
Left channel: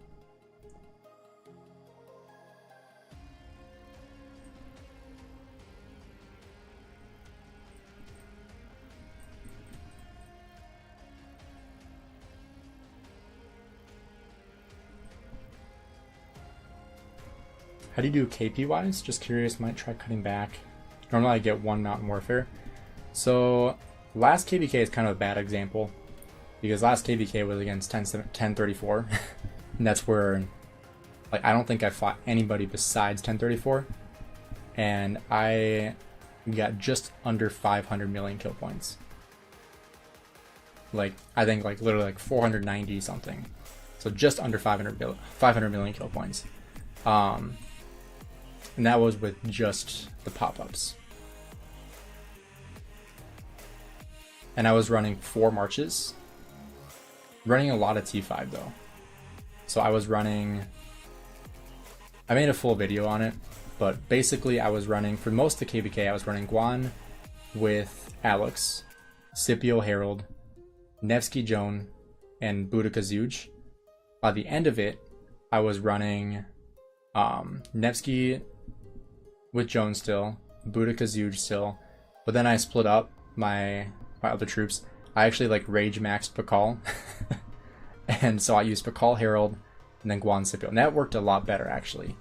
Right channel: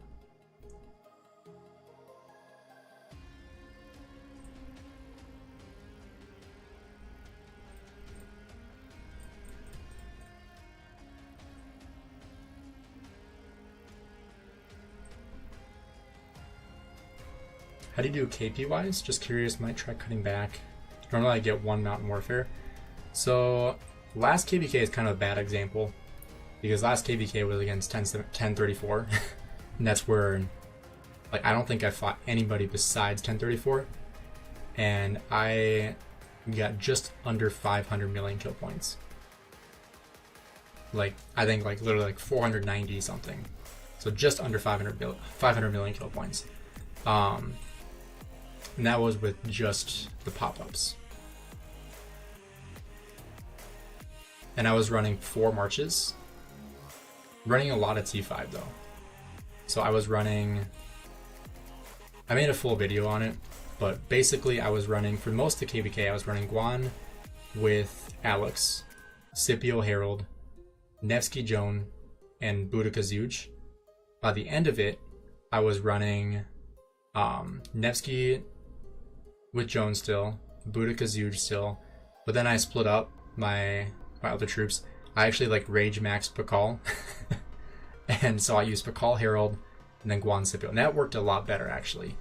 how do you do KP wise? Just curious, might try cutting back. Normally I get 1 Mountain Warfare. So last KVK is kind of a bad example, because last KVK was against 1034. And that's where, like, I don't think I fought anybody besides 1034. And I got just under 500 million kill points. Like, I think like literally like 490 something. So just under 500 million kill points. And that was with just the pop-ups. And I was running 4 marches. Running a lot of T5 though. So I was running, I made a full video on it, but basically I was running, for most of the KVK, I was running Guan with Alex, Scipio Harold, Nevsky Joan, and Boudica Zuj. By the end of it, I was running Nevsky with Joan still, Boudica Zuj still, but then I split up my other troops. I actually like rage maxed Pakal, and so I used Pakal Harold and then Guan Scipio, and that worked a lot better actually,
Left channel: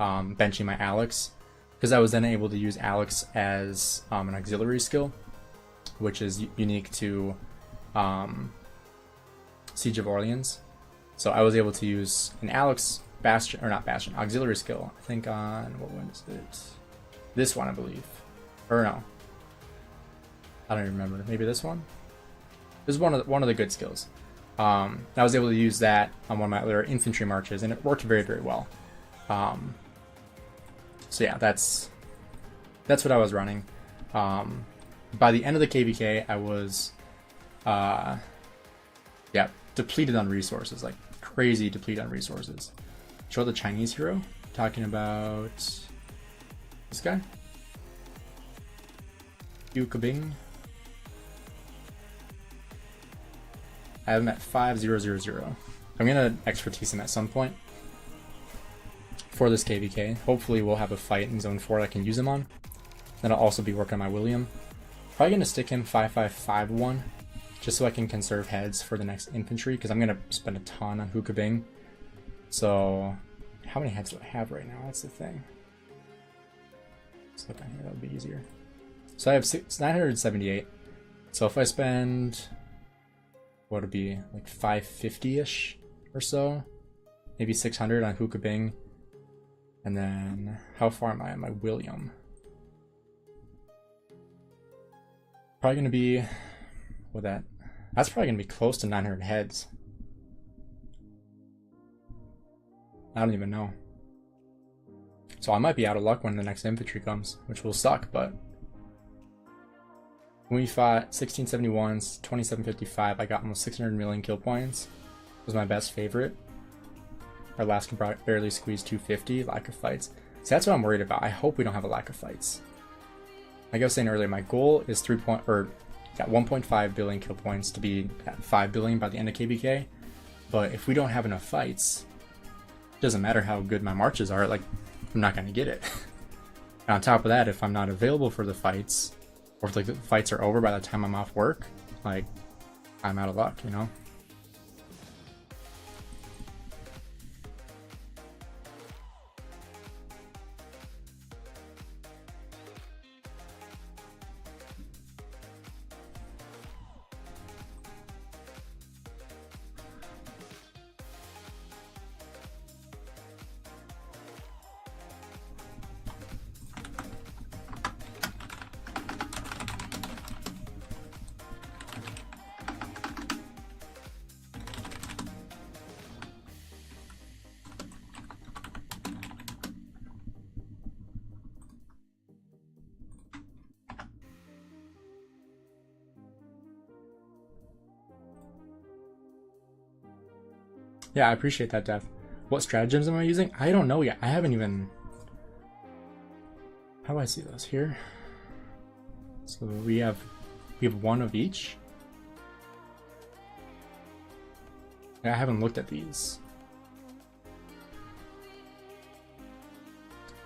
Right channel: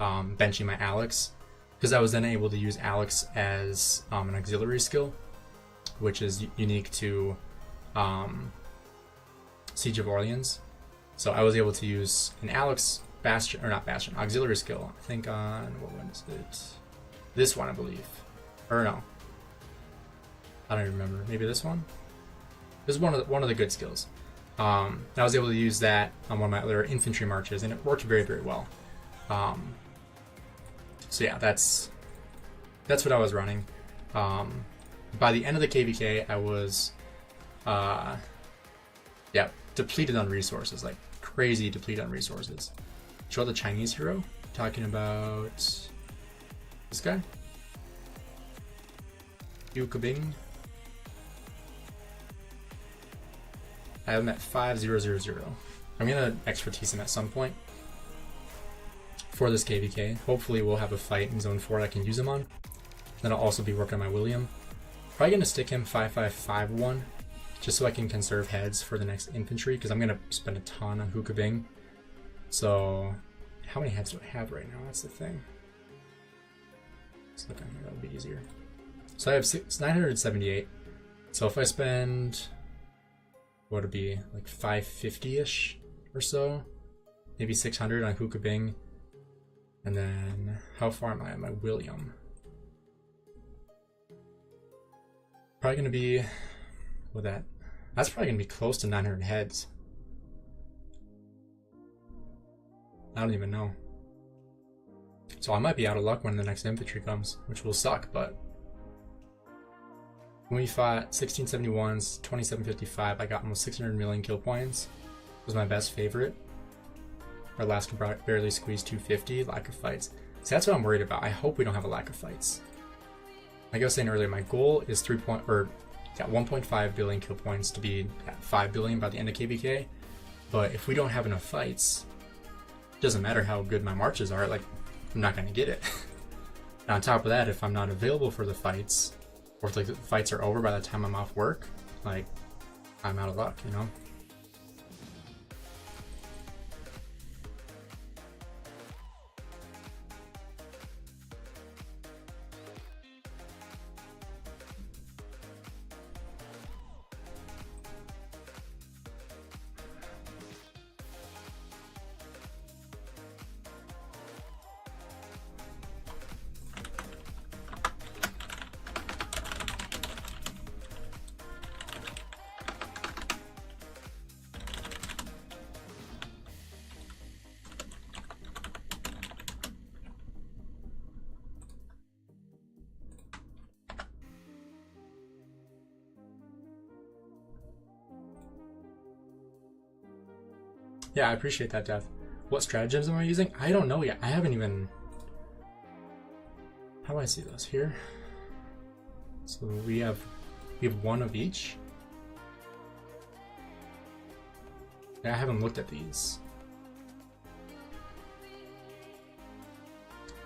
benching my Alex, because I was then able to use Alex as an auxiliary skill, which is unique to Siege of Orleans. So I was able to use an Alex Bastion, or not Bastion, auxiliary skill, I think on, what one is it? This one, I believe. Or no. I don't even remember. Maybe this one? This is one of the good skills. I was able to use that on one of my other infantry marches, and it worked very, very well. So yeah, that's what I was running. By the end of the KVK, I was depleted on resources, like crazy depleted on resources. Show the Chinese hero, talking about this guy, Yu Kabing. I have him at 5000. I'm gonna expertise him at some point for this KVK. Hopefully we'll have a fight in zone 4 I can use him on. Then I'll also be working on my William. Probably gonna stick him 5551 just so I can conserve heads for the next infantry, because I'm gonna spend a ton on Hukabing. So how many heads do I have right now? That's the thing. Let's look on here, that'll be easier. So I have 978. So if I spend, what would it be, like 550-ish or so, maybe 600 on Hukabing, and then how far am I on my William? Probably gonna be with that. That's probably gonna be close to 900 heads. I don't even know. So I might be out of luck when the next infantry comes, which will suck, but when we fought 1671s, 2755, I got almost 600 million kill points. It was my best favorite. Our last barely squeezed 250, lack of fights. So that's what I'm worried about. I hope we don't have a lack of fights. Like I was saying earlier, my goal is 1.5 billion kill points to be at 5 billion by the end of KVK. But if we don't have enough fights, it doesn't matter how good my marches are, like, I'm not gonna get it. And on top of that, if I'm not available for the fights, or if like the fights are over by the time I'm off work, like, I'm out of luck, you know? Yeah, I appreciate that, Dev. What stratagems am I using? I don't know yet. I haven't even... How do I see this? Here? So we have one of each. Yeah, I haven't looked at these.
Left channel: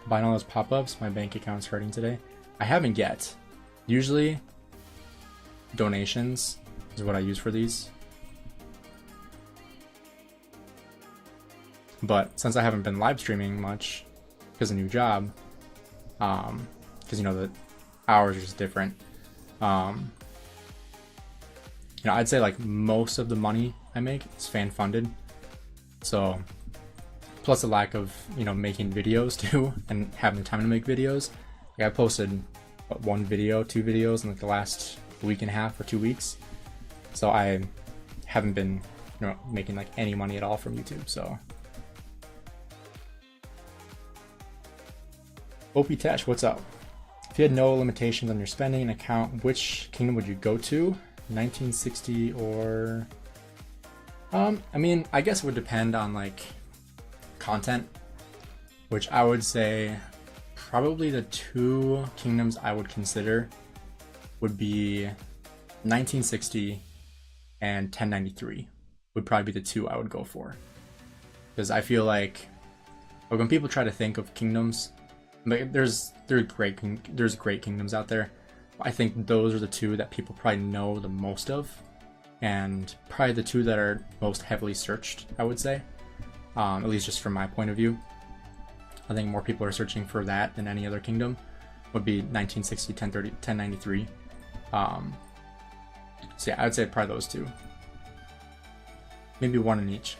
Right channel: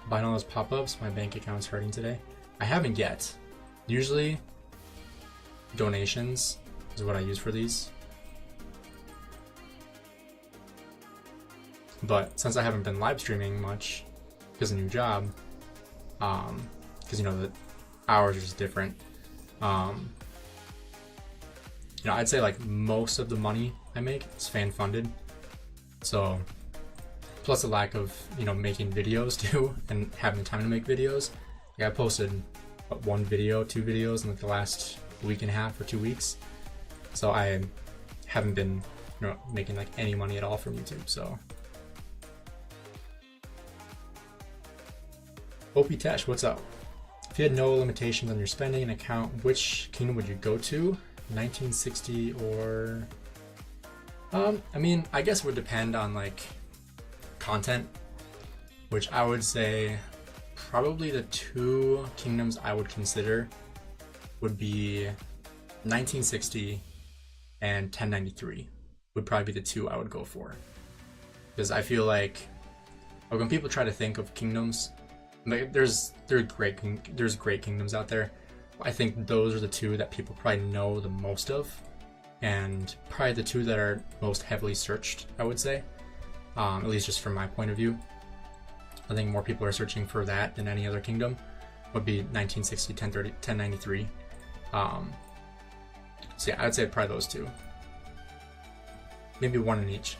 Buying all those pop-ups, my bank account's hurting today. I haven't yet. Usually, donations is what I use for these. But since I haven't been live streaming much because of a new job, because you know the hours are just different, you know, I'd say like most of the money I make is fan funded. So plus a lack of, you know, making videos too and having time to make videos. Like I posted what, 1 video, 2 videos in like the last week and a half or 2 weeks. So I haven't been, you know, making like any money at all from YouTube. So OP Tesh, what's up? If you had no limitations on your spending account, which kingdom would you go to? 1960 or... I mean, I guess it would depend on like content, which I would say probably the 2 kingdoms I would consider would be 1960 and 1093 would probably be the 2 I would go for. Because I feel like when people try to think of kingdoms, there's great kingdoms out there. I think those are the 2 that people probably know the most of, and probably the 2 that are most heavily searched, I would say, at least just from my point of view. I think more people are searching for that than any other kingdom. Would be 1960, 1030, 1093. So yeah, I'd say probably those 2. Maybe 1 in each.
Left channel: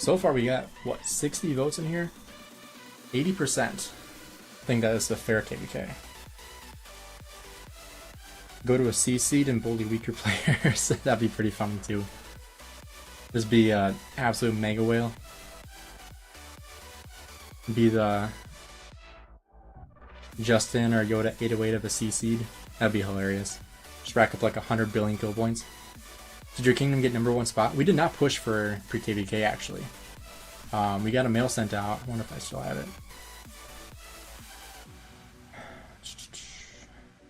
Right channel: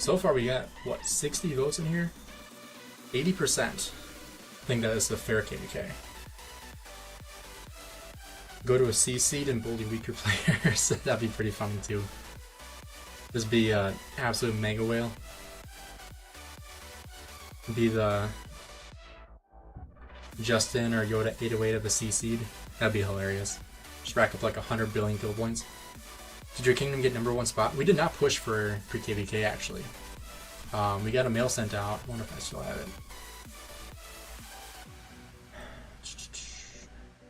So far we got, what, 60 votes in here? 80%. I think that is the fair KVK. Go to a C seed and bully weaker players. That'd be pretty fun too. Just be an absolute mega whale. Be the Justin or Yoda 808 of the C seed. That'd be hilarious. Just rack up like 100 billion kill points. Did your kingdom get #1 spot? We did not push for pre-KVK actually. We got a mail sent out. I wonder if I still have it.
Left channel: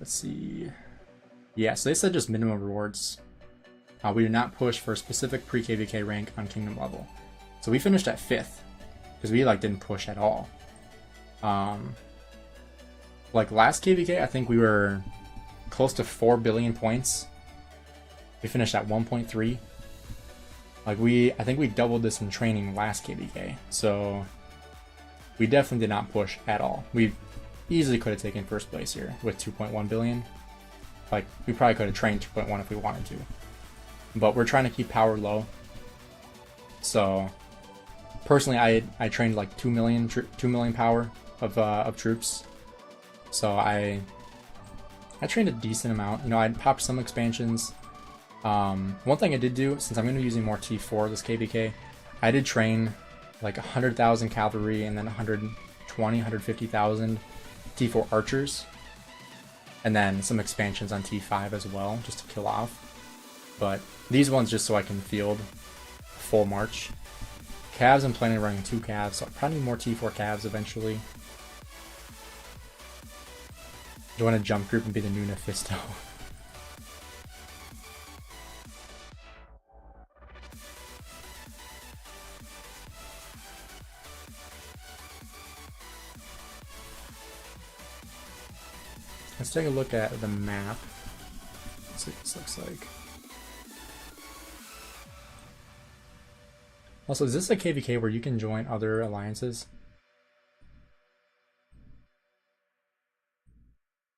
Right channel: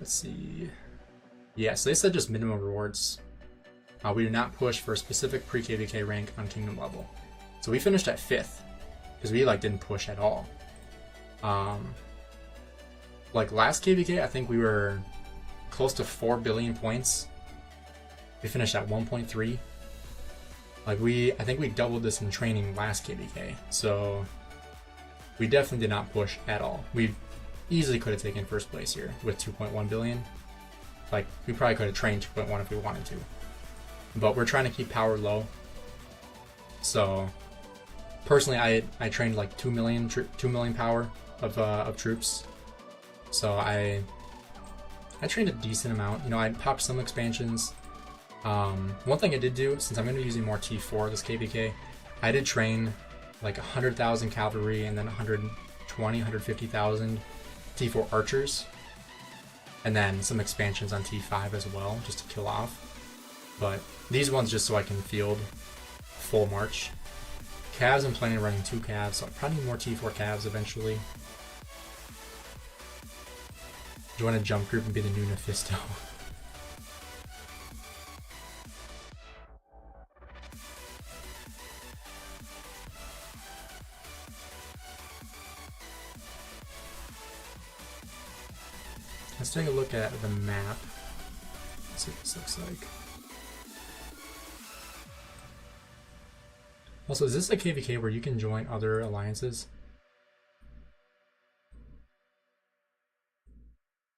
Let's see. Yeah, so they said just minimum rewards. We did not push for a specific pre-KVK rank on kingdom level. So we finished at 5th. Because we like didn't push at all. Like last KVK, I think we were close to 4 billion points. We finished at 1.3. Like I think we doubled this in training last KVK. So we definitely did not push at all. We easily could have taken first place here with 2.1 billion. Like we probably could have trained 2.1 if we wanted to. But we're trying to keep power low. So personally, I trained like 2 million power of troops. So I trained a decent amount. You know, I popped some expansions. One thing I did do, since I'm going to be using more T4 this KVK, I did train like 100,000 cavalry and then 150,000 T4 archers, and then some expansions on T5 as well, just to kill off. But these ones just so I can field full march. Calves, I'm planning on running 2 calves, so I'll probably need more T4 calves eventually. I want to jump group and be the new Nephisto. Let's take a look at the map. Let's see what this looks like. Also, is this a KVK where you can join other alliances?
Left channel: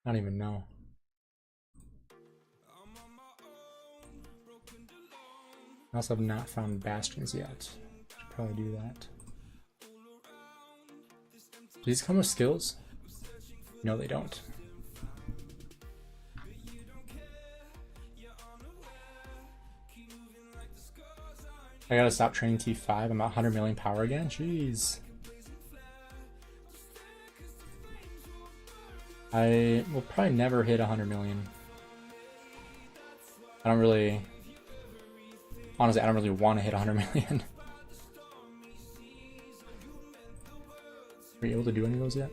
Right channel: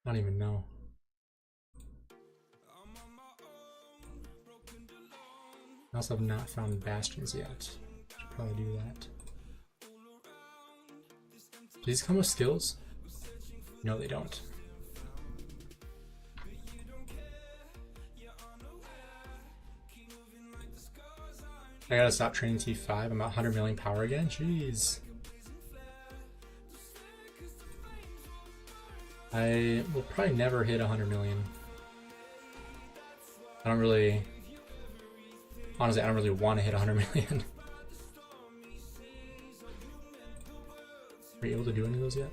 I don't even know. I also have not found bastions yet. Should probably do that. Do these come with skills? No, they don't. I gotta stop training T5. I'm at 100 million power again. Jeez. I will probably never hit 100 million. I don't really... Honestly, I don't really want to hit 100 million. Are you able to do any of those yet?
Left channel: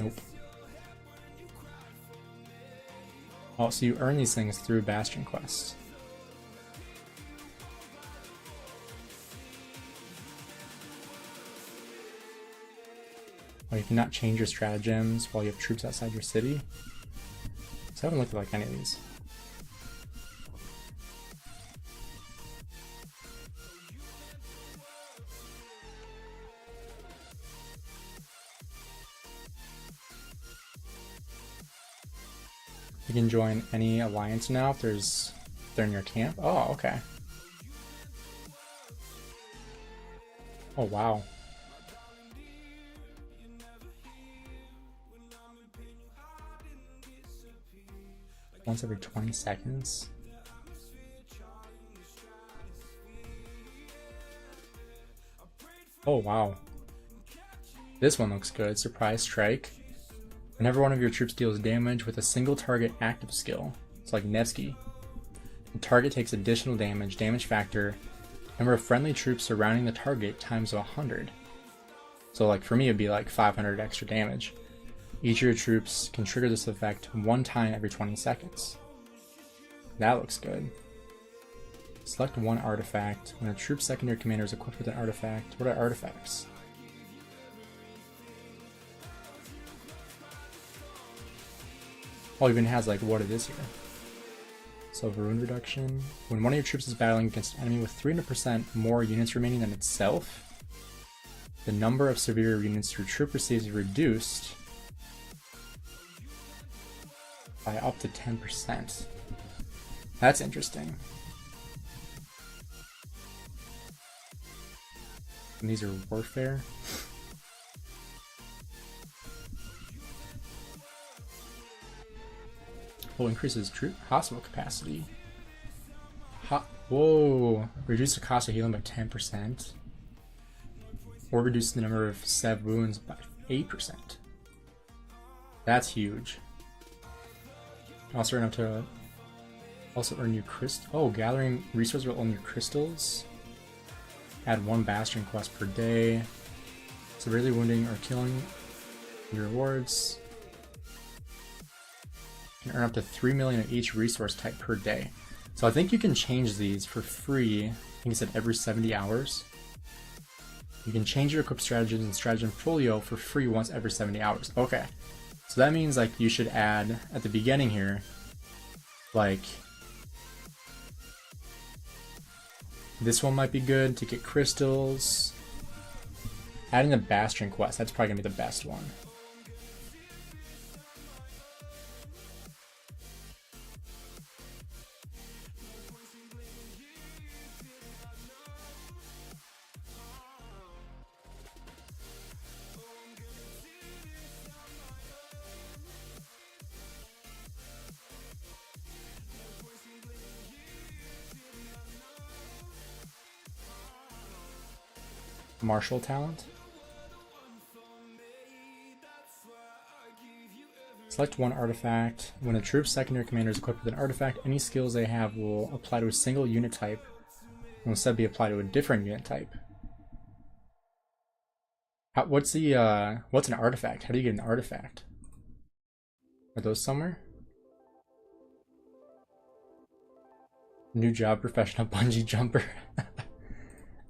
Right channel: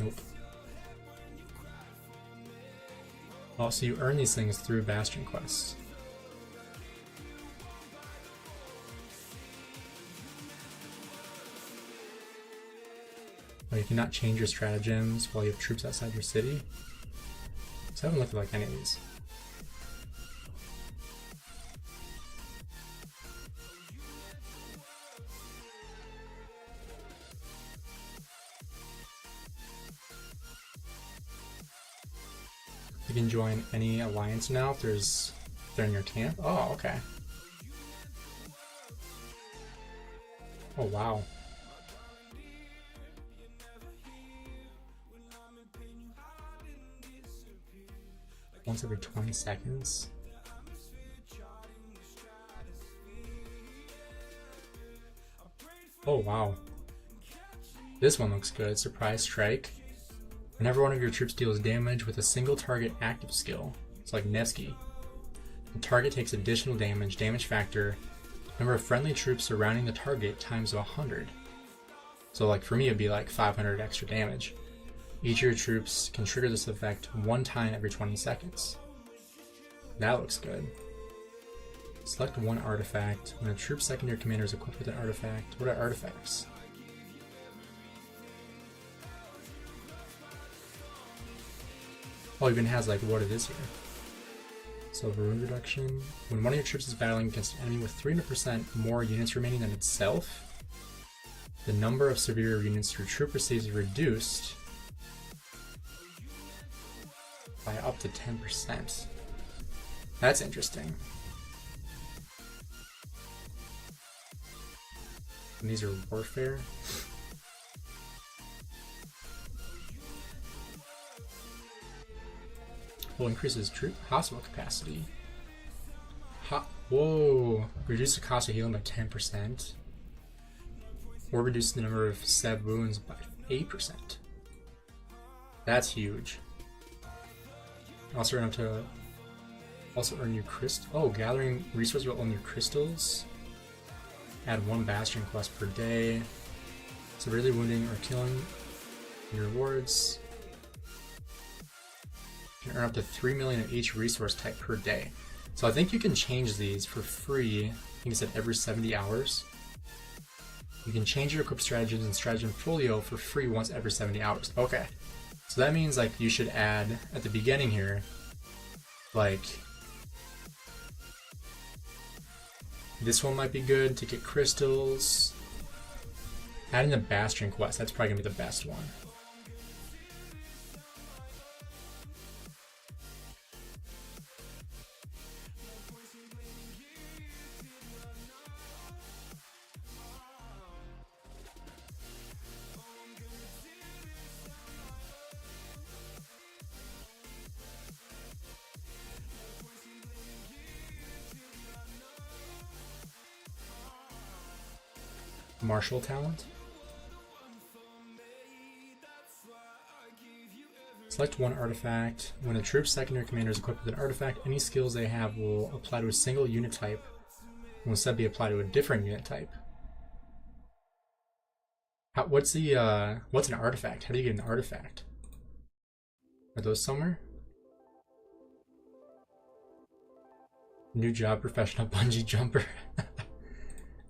Nope. Oh, so you earn these things through Bastion quests. Oh, you cannot change your stratagems while you have troops outside your city. So I haven't looked at like any of these. You can join any alliance now if they're in your camp. Oh, okay. Oh, wow. Once every 20 seconds. Oh, wow. This one looks good. Surprise strike. Whenever one of your troops deals damage with a single target active skill, it's like Nevsky. The target takes additional damage, damage factor, number of friendly troops surrounding the target times 100. So like for me it'd be like 500 extra damage. Each of your troops can trigger this effect 1 time every 20 seconds. That looks good. Select 1 artifact. When a troop's secondary commander is equipped with an artifact. What are artifacts? Oh, even has like what it is here. So rune reduction. When one of your troops is battling against an enemy with 300% more units remaining than itself, the number of severe units your troop receives is reduced by up to 10%. That's interesting. and these are warfare. Will increases troop hospital capacity. Whoa! Reduce the cost of healing by 10%. Or reduce the number of stab wounds by 8%. That's huge. Also earn new crystal. Oh, gathering resources will earn new crystals. Add 1 bastion quest per day. Severely wounding or killing. New rewards. You can earn up to 3 million of each resource type per day. So I think you can change these for free. I think it said every 70 hours. You can change your equip strategies and stratagem folio for free once every 70 hours. Okay. So that means like you should add at the beginning here, like this one might be good to get crystals. Adding a bastion quest, that's probably gonna be the best one. Martial talent. Select one artifact. When a troop's secondary commander is equipped with an artifact, any skills they have will apply to a single unit type and will instead be applied to a different unit type. What's an artifact? How do you get an artifact? Are those somewhere? New job, professional bungee jumper.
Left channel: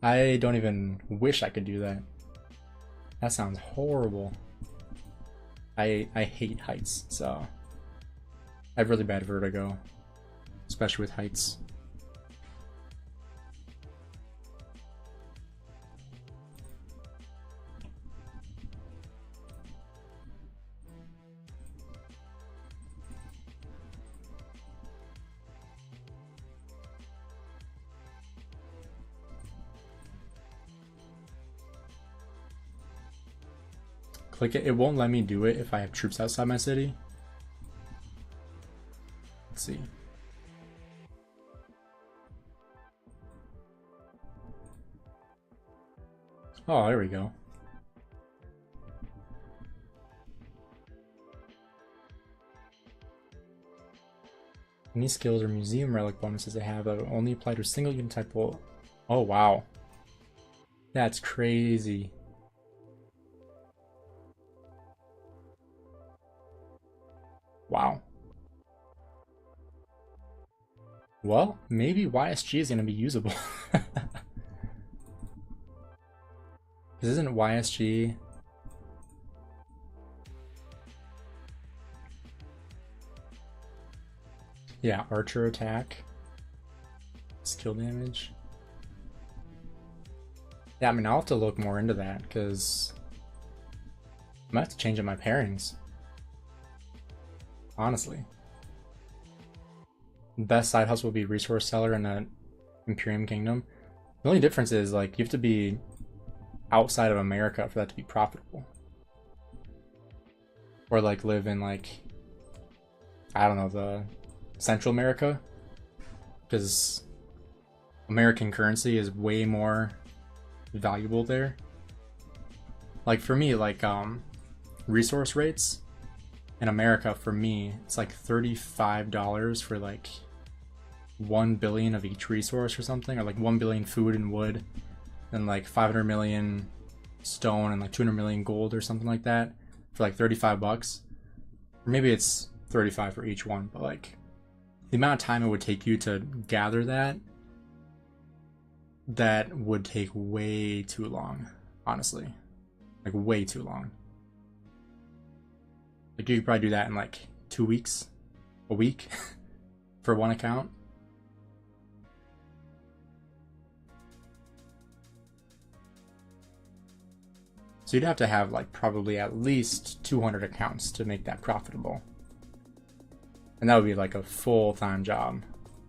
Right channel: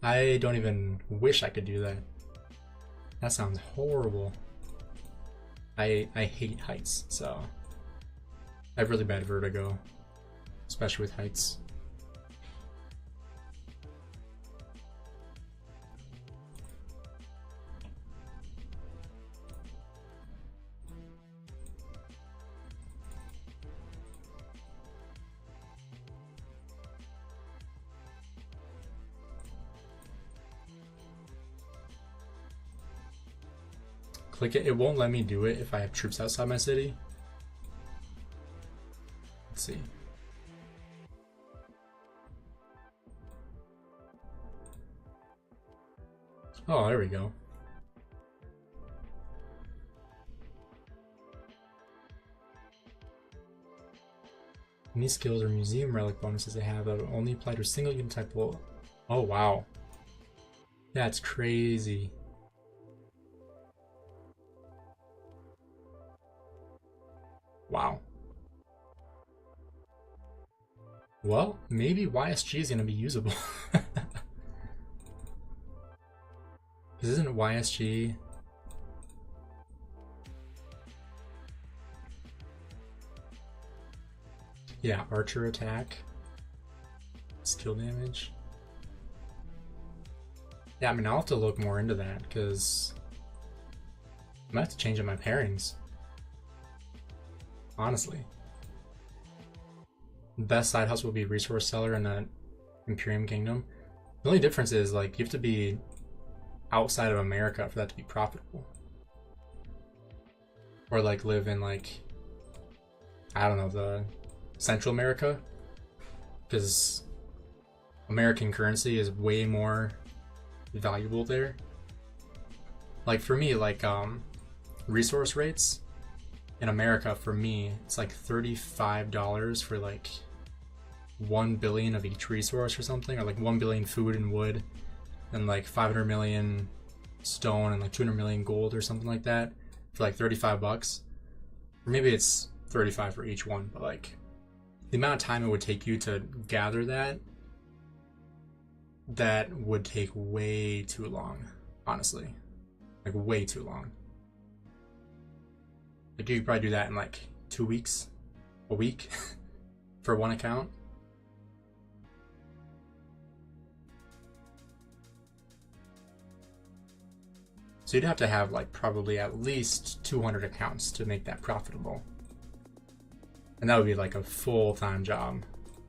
I don't even wish I could do that. That sounds horrible. I hate heights, so I have really bad vertigo, especially with heights. Click it. It won't let me do it if I have troops outside my city. Let's see. Oh, there we go. Any skills or museum relic bonuses they have that will only apply to a single unit type will... Oh, wow. That's crazy. Wow. Well, maybe YSG is going to be usable. Because isn't YSG... Yeah, archer attack. Skill damage. Yeah, I mean, I'll have to look more into that, because I might have to change up my pairings. Honestly. The best side hustle will be resource seller in the Imperium Kingdom. The only difference is, like, you have to be outside of America for that to be profitable. Or, like, live in, like, I don't know, the Central America. Because American currency is way more valuable there. Like, for me, like, resource rates in America, for me, it's like $35 for like 1 billion of each resource or something, or like 1 billion food and wood, and like 500 million stone and like 200 million gold or something like that for like 35 bucks. Or maybe it's 35 for each one, but like the amount of time it would take you to gather that would take way too long, honestly. Like way too long. Like you could probably do that in like 2 weeks, a week for one account. So you'd have to have like probably at least 200 accounts to make that profitable. And that would be like a full-time job.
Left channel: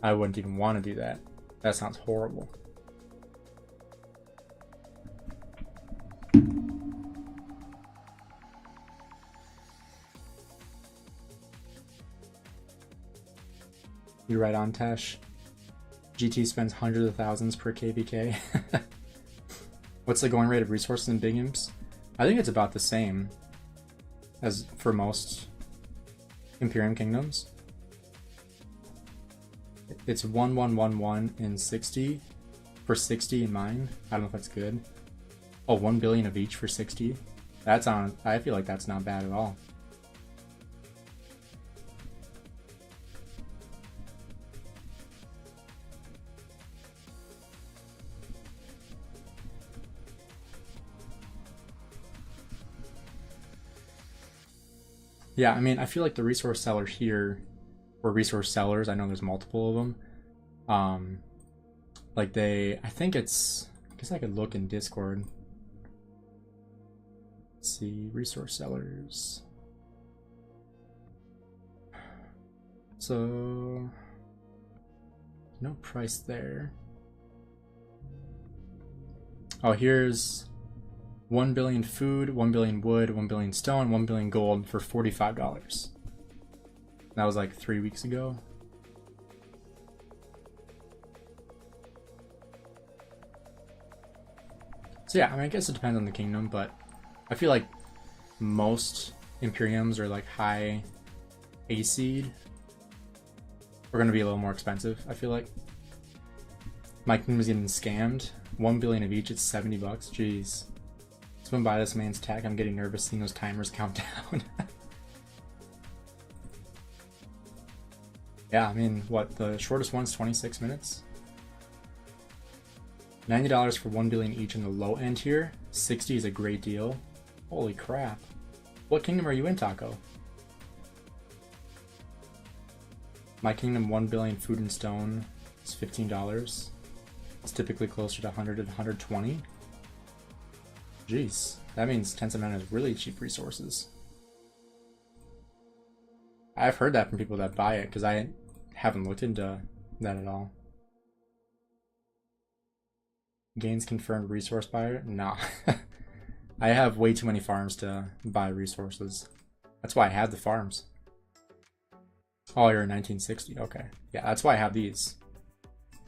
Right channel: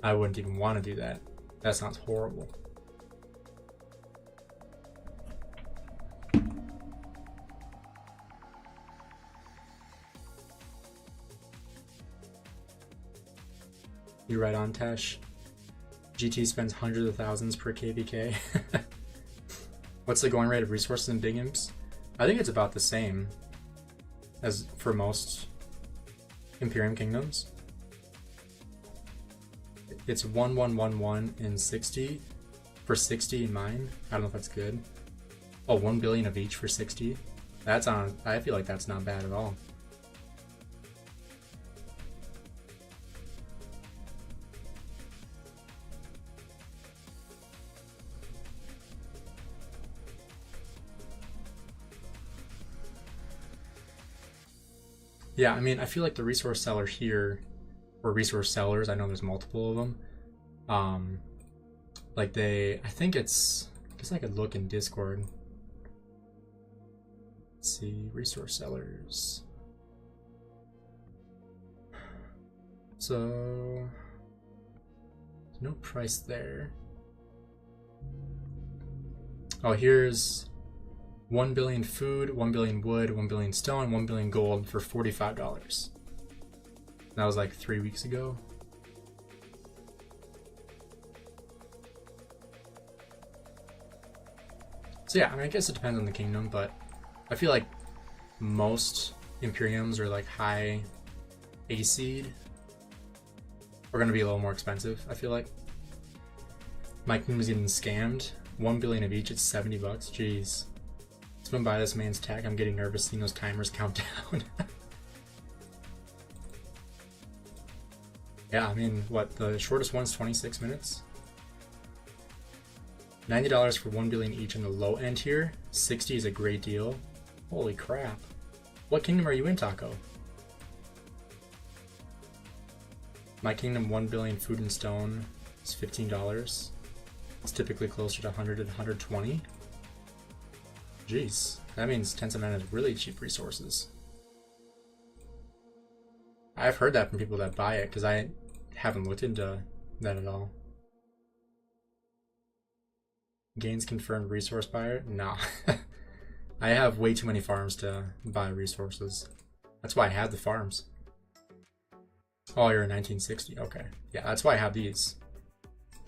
I wouldn't even want to do that. That sounds horrible. You right on, Tesh. GT spends hundreds of thousands per KVK. What's the going rate of resources in big imps? I think it's about the same as for most Imperium kingdoms. It's 1111 in 60 for 60 in mine. I don't know if that's good. Oh, 1 billion of each for 60. That's on. I feel like that's not bad at all. Yeah, I mean, I feel like the resource seller here, or resource sellers, I know there's multiple of them. Like I think it's, I guess I could look in Discord. Let's see, resource sellers. So, no price there. Oh, here's 1 billion food, 1 billion wood, 1 billion stone, 1 billion gold for $45. That was like 3 weeks ago. So yeah, I mean, I guess it depends on the kingdom, but I feel like most Imperiums are like high AC are going to be a little more expensive, I feel like. My kingdom is even scammed. 1 billion of each, it's $70. Jeez. Swim by this man's tech. I'm getting nervous seeing those timers count down. Yeah, I mean, what, the shortest one's 26 minutes? $90 for 1 billion each on the low end here. 60 is a great deal. Holy crap. What kingdom are you in, Taco? My kingdom, 1 billion food and stone is $15. It's typically closer to 100 and 120. Jeez, that means Tencent has really cheap resources. I've heard that from people that buy it, because I haven't looked into that at all. Gainz confirmed resource buyer? Nah. I have way too many farms to buy resources. That's why I have the farms. Oh, you're in 1960. Okay. Yeah, that's why I have these.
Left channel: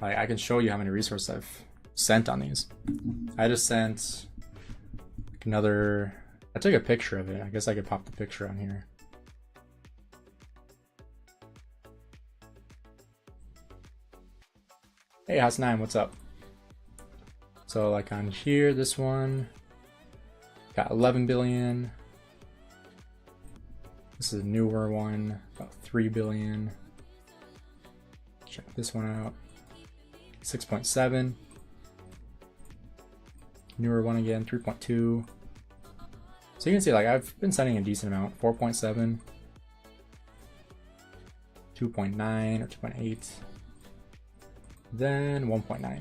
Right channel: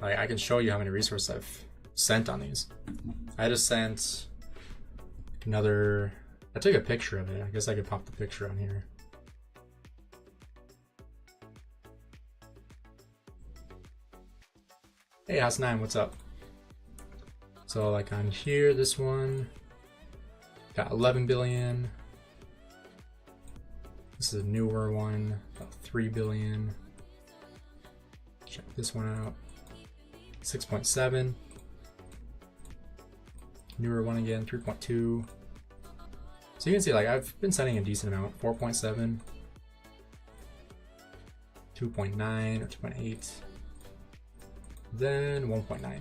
Like, I can show you how many resources I've sent on these. I just sent another. I took a picture of it. I guess I could pop the picture on here. Hey, House9, what's up? So, like on here, this one got 11 billion. This is a newer one, about 3 billion. Check this one out. 6.7. Newer one again, 3.2. So you can see, like, I've been sending a decent amount. 4.7, 2.9 or 2.8, then 1.9.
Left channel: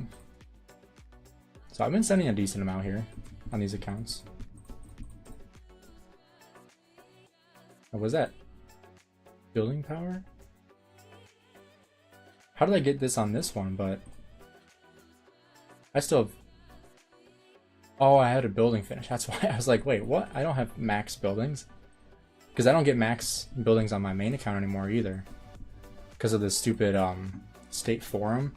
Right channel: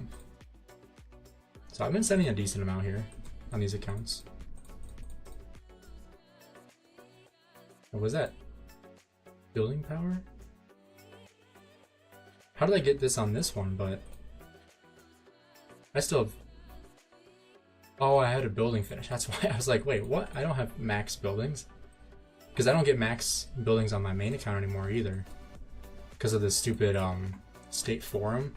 So I've been sending a decent amount here on these accounts. What was that? Building power? How did I get this on this one, but I still have... Oh, I had a building finish. That's why I was like, wait, what? I don't have max buildings? Because I don't get max buildings on my main account anymore either. Because of the stupid state forum.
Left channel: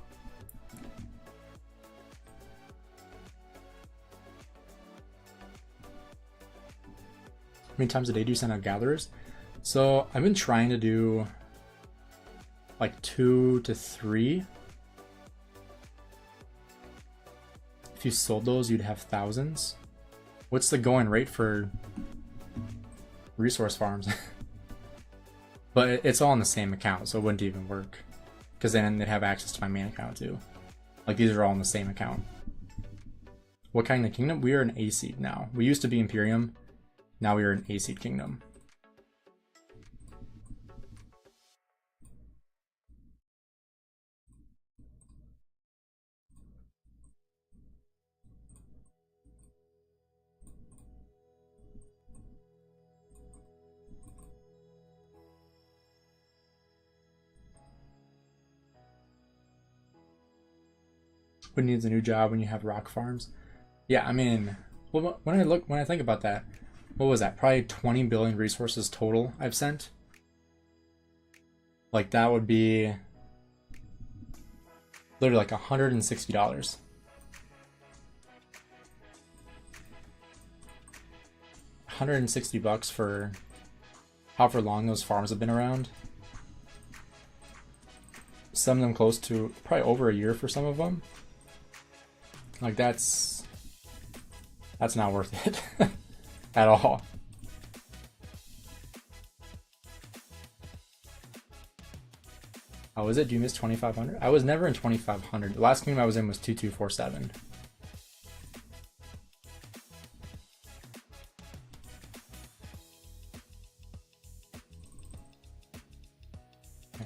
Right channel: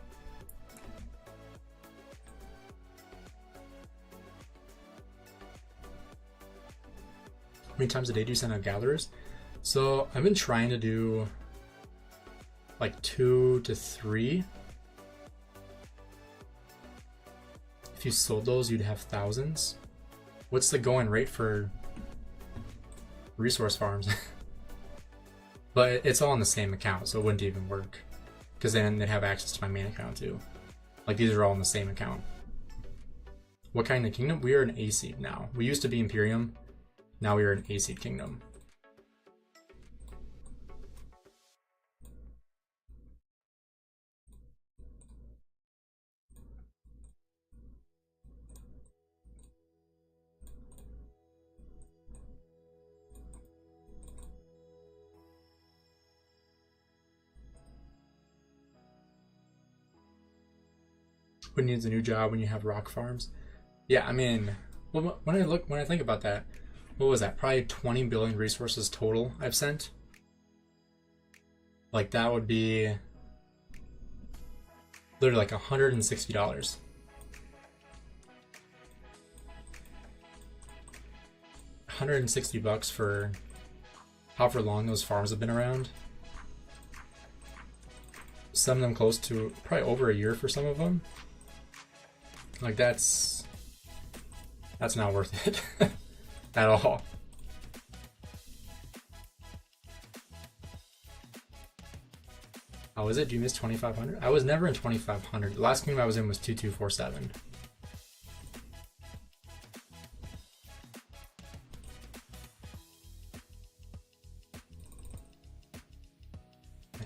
How many times a day do you send out gatherers? So I've been trying to do like 2 to 3. If you sold those, you'd have thousands. What's the going rate for resource farms? But it's all on the same account, so it wouldn't even work. Because then they'd have access to my main account too. Like, these are all in the same account. What kind of kingdom? We are an A-seed now. We used to be Imperium. Now we are an A-seed kingdom. Who needs a new job when you have rock farms? Yeah, I mean, when I think about that, what was that? Probably 20 billion resources total I've sent. Like, that would be Literally like $160. $160 for however long those farms have been around. Some of them close to probably over a year for some of them. Like that's not worth it at all. Oh, is it? Do you miss 2500? I was never in 2500. The last game I was in was 2247.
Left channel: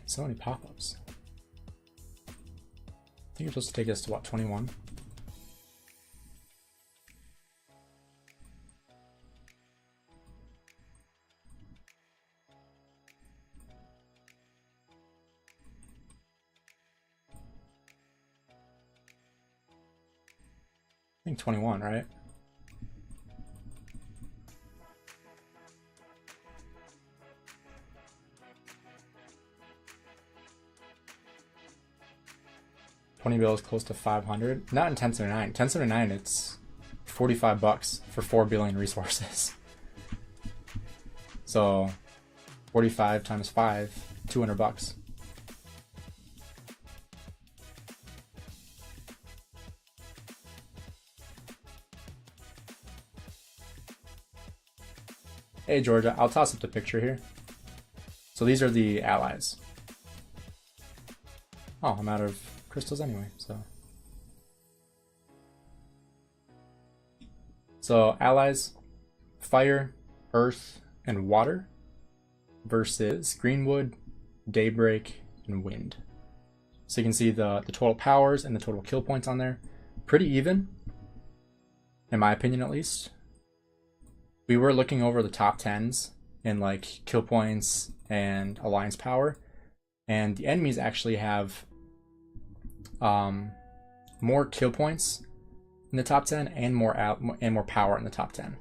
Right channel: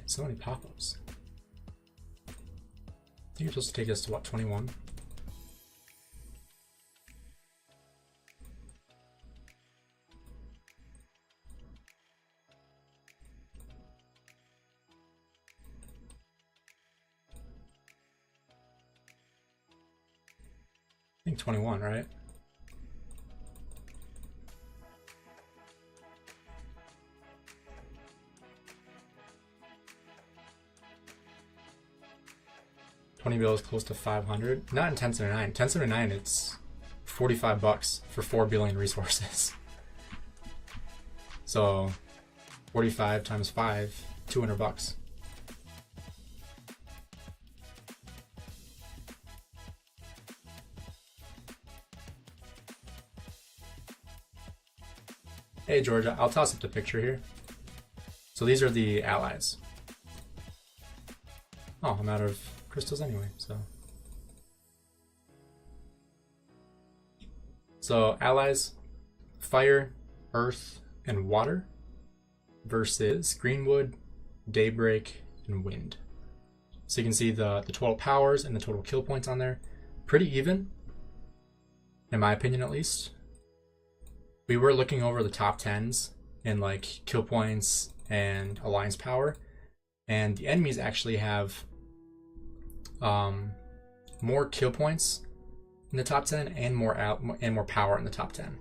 So many pop-ups. I think you're supposed to take us to what, 21? I think 21, right? $20 bills close to 500. Not in 1079. 1079, it's $45 for 4 billion resources. So 45 times 5, $200. Hey Georgia, I'll toss up the picture here. So these are the allies. Oh, I'm out of crystals anyway, so allies, fire, earth, and water versus greenwood, daybreak, and wind. So you can see the total powers and the total kill points on there. Pretty even, in my opinion at least. We were looking over the top 10s in like kill points and alliance power, and the enemies actually have more kill points in the top 10 and more power in the top 10.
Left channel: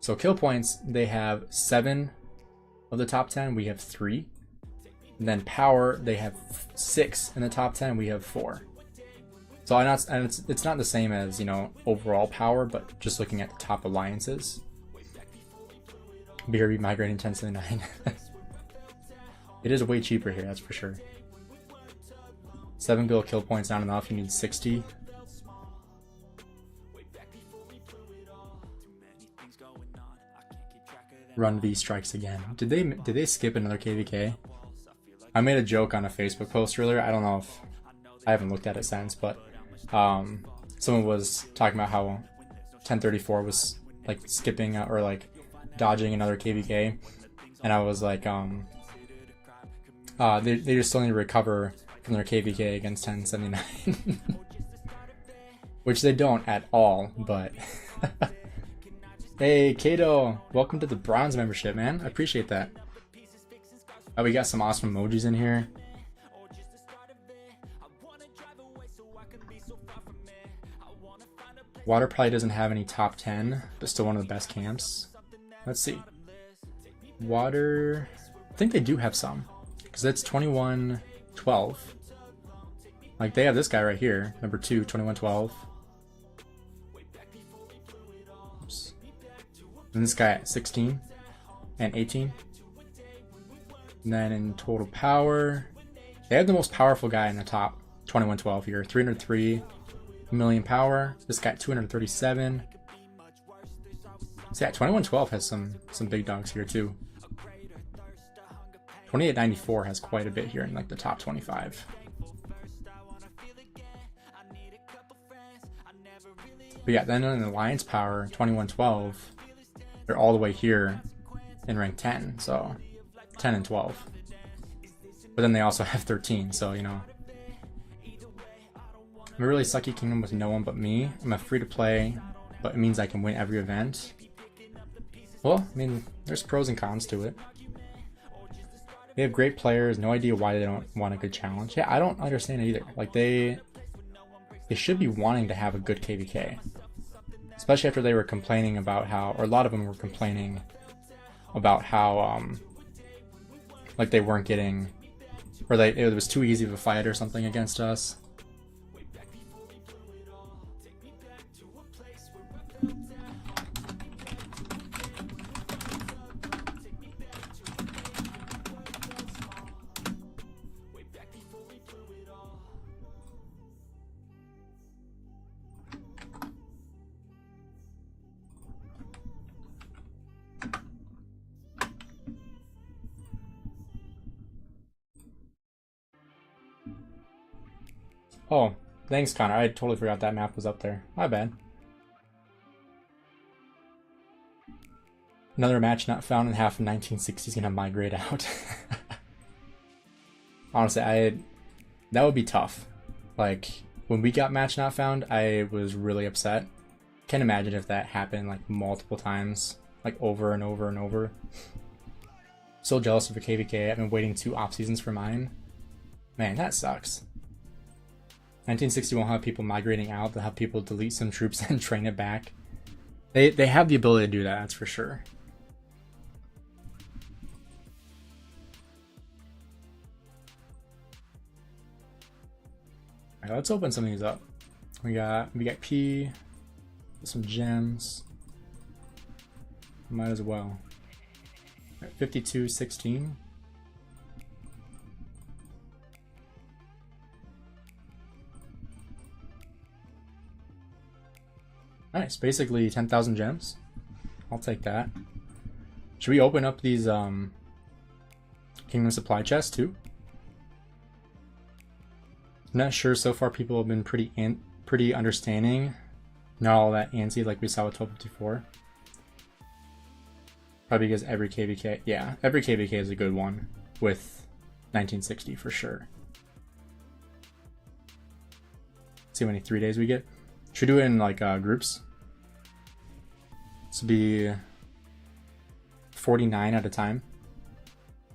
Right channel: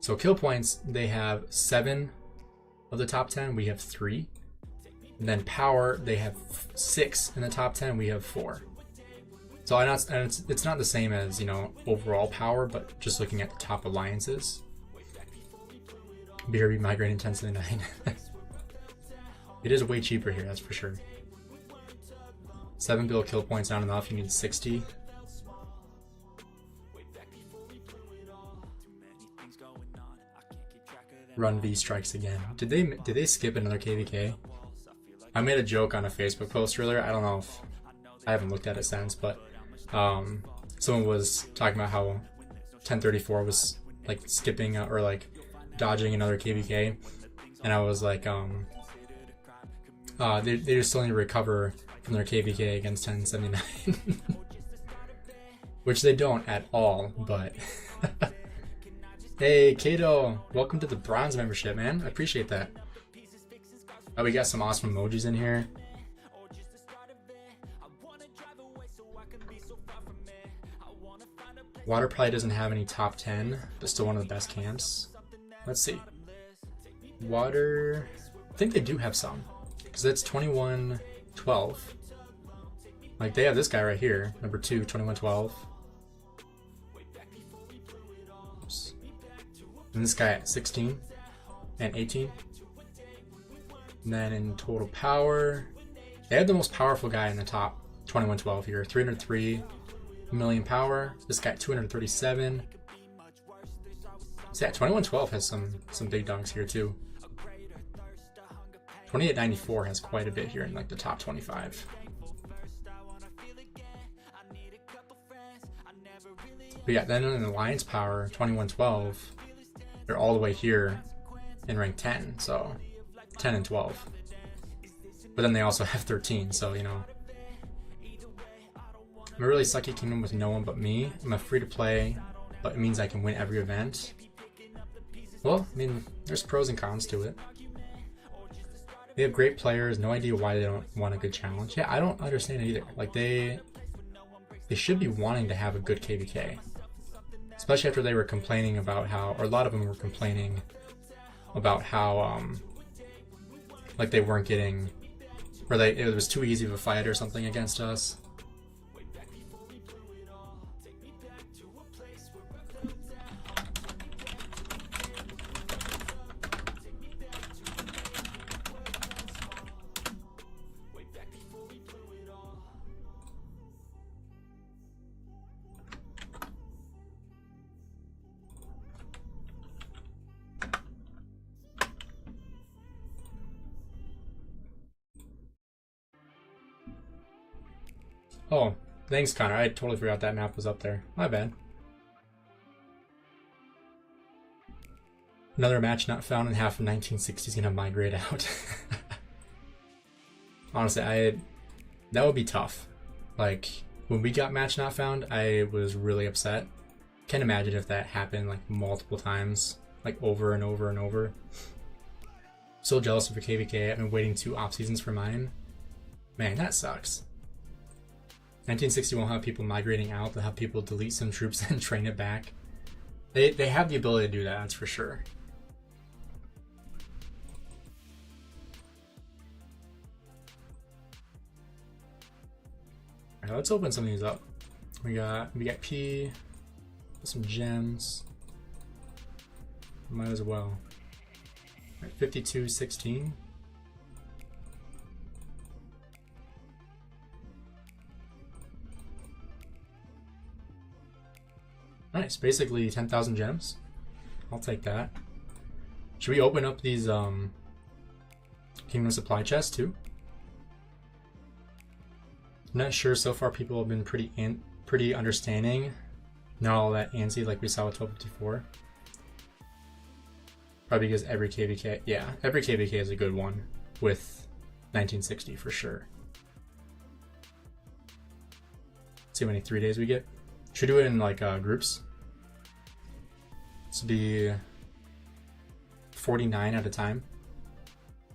So kill points, they have 7 of the top 10, we have 3. And then power, they have 6 in the top 10, we have 4. So it's not the same as, you know, overall power, but just looking at the top alliances. BRB migrating 1079. It is way cheaper here, that's for sure. 7 bill kill points not enough, you need 60. Run B strikes again. Did they skip another KVK? I made a joke on a Facebook post earlier. I don't know if I haven't looked at it since, but someone was talking about how 1034 was like skipping or like dodging another KVK, and I was like, they just still need to recover from their KVK against 1079, which they don't at all. But hey, Kato, welcome to the bronze membership, man. I appreciate that. Oh, we got some awesome emojis in here. Water probably doesn't have any top 10, but still one of the best camps. Let's see. Water, I think they do have some, because it's 2112. Like they have this guy right here, number 2, 2112. Oops. And this guy at 16 and 18. And then in total power, they have the most powerful guy in the top, 2112 here, 303 million power. This guy 237. So yeah, 2112 has some big dogs here too. 2894 has quite a bit here in like the top 25. But yeah, then in Alliance Power, 2112, they're all the way here in rank 10, so 10 and 12. But then they also have 13, so you know. I'm a really sucky kingdom with no one but me. I'm a free to play, but it means I can win every event. Well, I mean, there's pros and cons to it. They have great players, no idea why they don't want a good challenge. Yeah, I don't understand it either. Like, they should be wanting to have a good KVK. Especially after they were complaining about how, or a lot of them were complaining about how, like they weren't getting, or it was too easy of a fight or something against us. Oh, thanks, Connor. I totally forgot that map was up there. My bad. Another match not found in half of 1960 is gonna migrate out. Honestly, that would be tough. Like, when we got match not found, I was really upset. Can't imagine if that happened like multiple times, like over and over and over. So jealous of the KVK. I've been waiting 2 off seasons for mine. Man, that sucks. 1960 won't have people migrating out. They'll have people delete some troops and train it back. They have the ability to do that, that's for sure. Alright, let's open some of these up. We got P, some gems. Might as well. 52.16. Nice, basically 10,000 gems. I'll take that. Should we open up these Kingdom Supply chests too? I'm not sure. So far people have been pretty understanding. Not all that antsy like we saw with 1254. Probably because every KVK, yeah, every KVK is a good one with 1960 for sure. Let's see how many 3 days we get. Should we do it in like groups? This would be 49 at a time,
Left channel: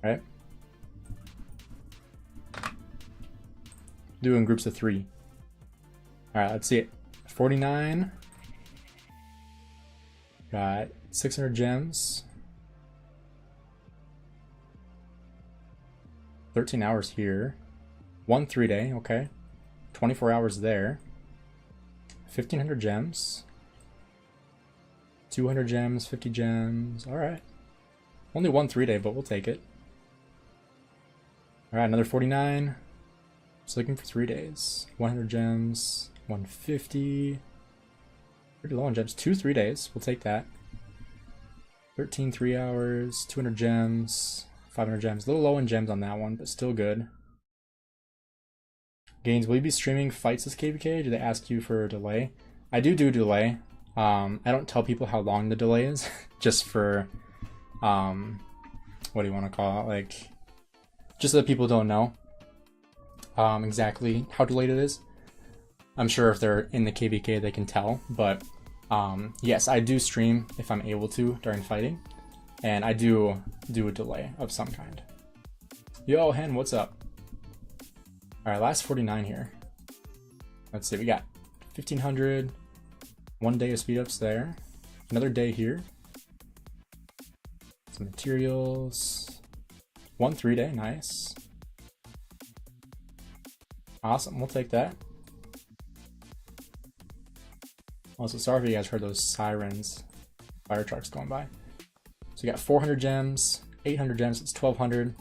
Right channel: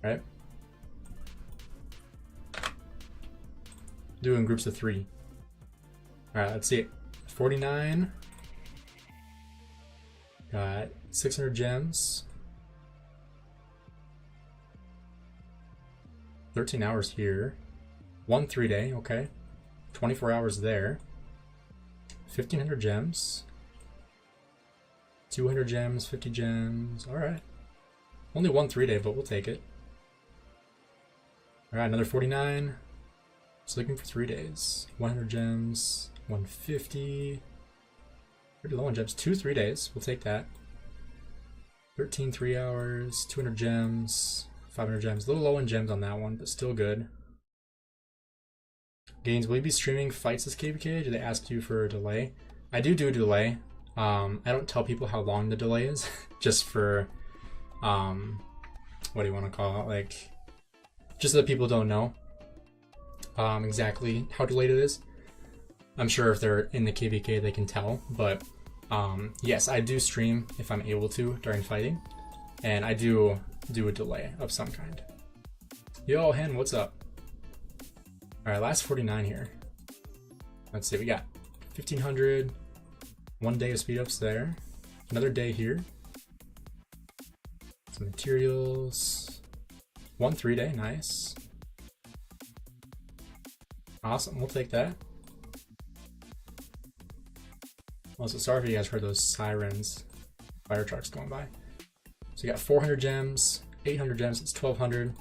right? Do in groups of 3. All right, let's see it. 49. Got 600 gems. 13 hours here. 1 3-day, okay. 24 hours there. 1,500 gems. 200 gems, 50 gems. Alright. Only 1 3-day, but we'll take it. Alright, another 49. Just looking for 3 days. 100 gems. 150. Pretty low on gems. 2 3 days. We'll take that. 13 3 hours. 200 gems. 500 gems. A little low in gems on that one, but still good. Gainz, will you be streaming fights as KVK? Do they ask you for a delay? I do delay. I don't tell people how long the delay is, just for, what do you want to call it? Like, just so that people don't know exactly how delayed it is. I'm sure if they're in the KVK they can tell, but yes, I do stream if I'm able to during fighting, and I do a delay of some kind. Yo, Hen, what's up? Alright, last 49 here. Let's see, we got 1,500, 1 day of speed ups there, another day here, some materials, 1 3-day, nice. Awesome, we'll take that. Also, sorry if you guys heard those sirens, fire trucks going by. So we got 400 gems, 800 gems, it's 1,200,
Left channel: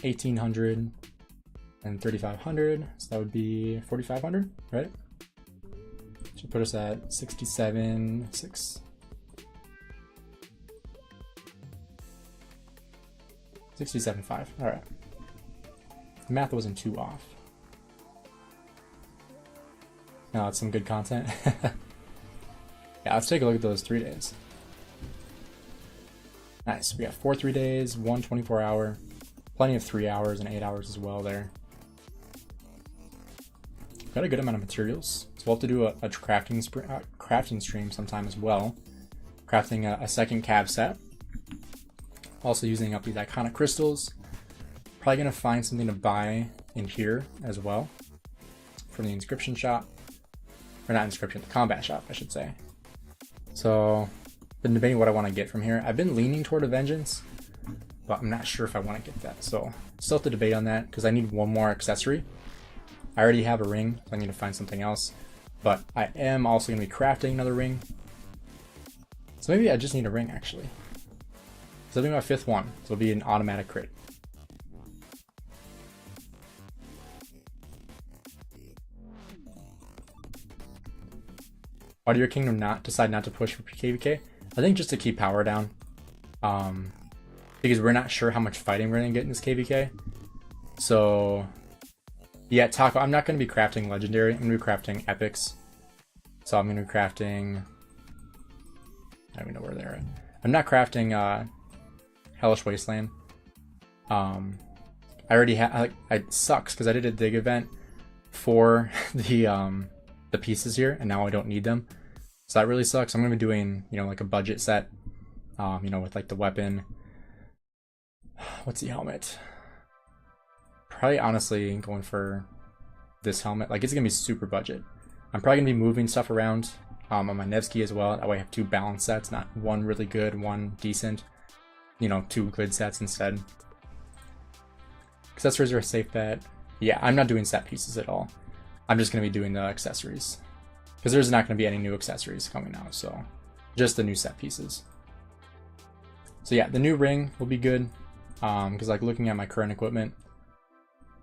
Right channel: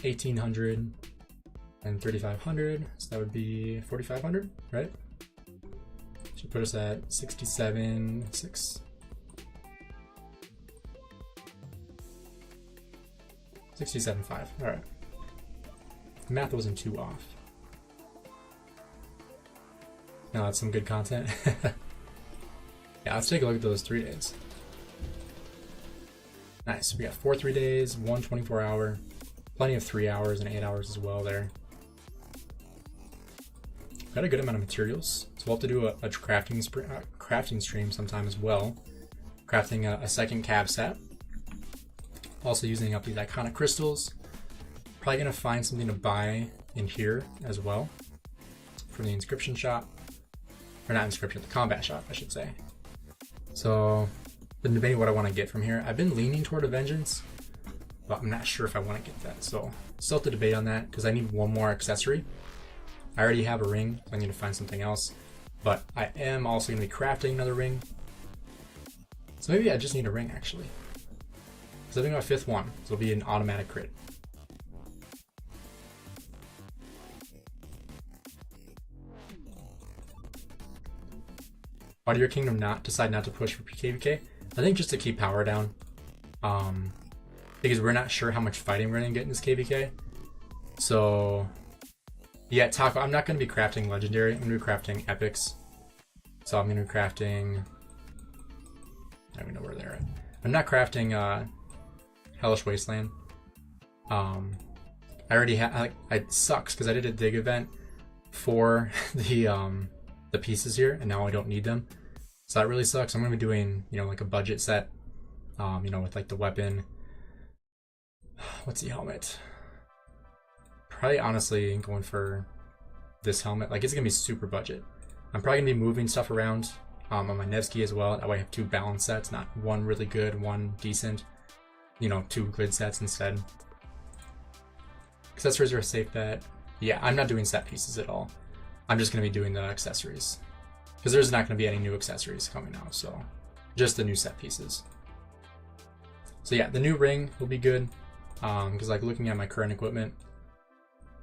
1,800, and 3,500, so that would be 4,500, right? Should put us at 67.6. 67.5, alright. The math wasn't too off. Now that's some good content. Yeah, let's take a look at those 3 days. Nice, we got 4 3 days, 1 24 hour, plenty of 3 hours and 8 hours as well there. Got a good amount of materials, so we'll have to do a crafting stream sometime as well. Crafting a second cab set. Also using up these iconic crystals. Probably gonna find something to buy in here as well from the inscription shop. Or not inscription, the combat shop, I should say. So, been debating what I want to get from here. I've been leaning toward a vengeance, but I'm not sure if I want to get that. So, still have to debate on that because I need one more accessory. I already have a ring, so I need to find something else. But I am also going to be crafting another ring. So maybe I just need a ring actually. So I'm doing my 5th one, so it'll be an automatic crit. Why did your kingdom decide not to push for KVK? I think just to keep power down. Because we're not sure how much fighting we're going to get in this KVK. So Yeah, Taco, I'm not going to be crafting Legendary. I'm going to be crafting Epics. So I'm going to be crafting... I don't even know where they're at. I'm not crafting Hellish Wasteland. I already have... It sucks because I did a dig event for the pieces here, and now I don't need them. So that really sucks. I'm going to be doing, you know, like a budget set, you know, with like the weapon. What's the helmet? Probably honestly going for this helmet. Like, it's gonna be super budget. I'm probably gonna be moving stuff around on my Nevsky as well. That way I have two balanced sets, not one really good, one decent. You know, two good sets instead. Accessories are a safe bet. Yeah, I'm not doing set pieces at all. I'm just gonna be doing the accessories. Because there's not gonna be any new accessories coming out, so just the new set pieces. So yeah, the new ring will be good. Because like looking at my current equipment,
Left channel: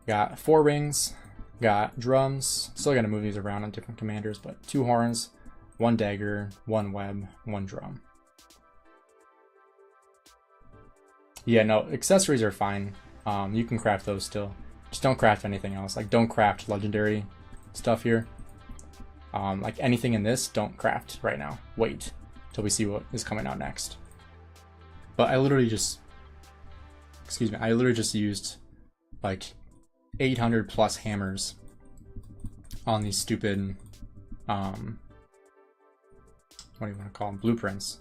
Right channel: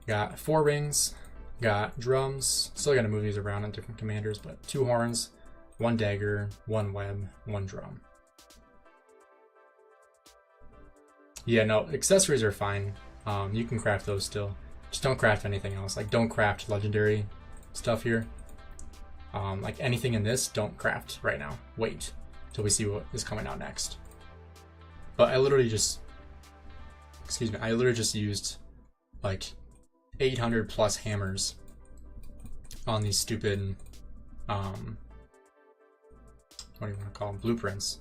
got 4 rings, got drums, still gotta move these around on different commanders, but 2 horns, 1 dagger, 1 web, 1 drum. Yeah, no, accessories are fine. You can craft those still. Just don't craft anything else. Like, don't craft legendary stuff here. Like anything in this, don't craft right now. Wait till we see what is coming out next. But I literally just, excuse me, I literally just used like 800 plus hammers on these stupid, what do you want to call them, blueprints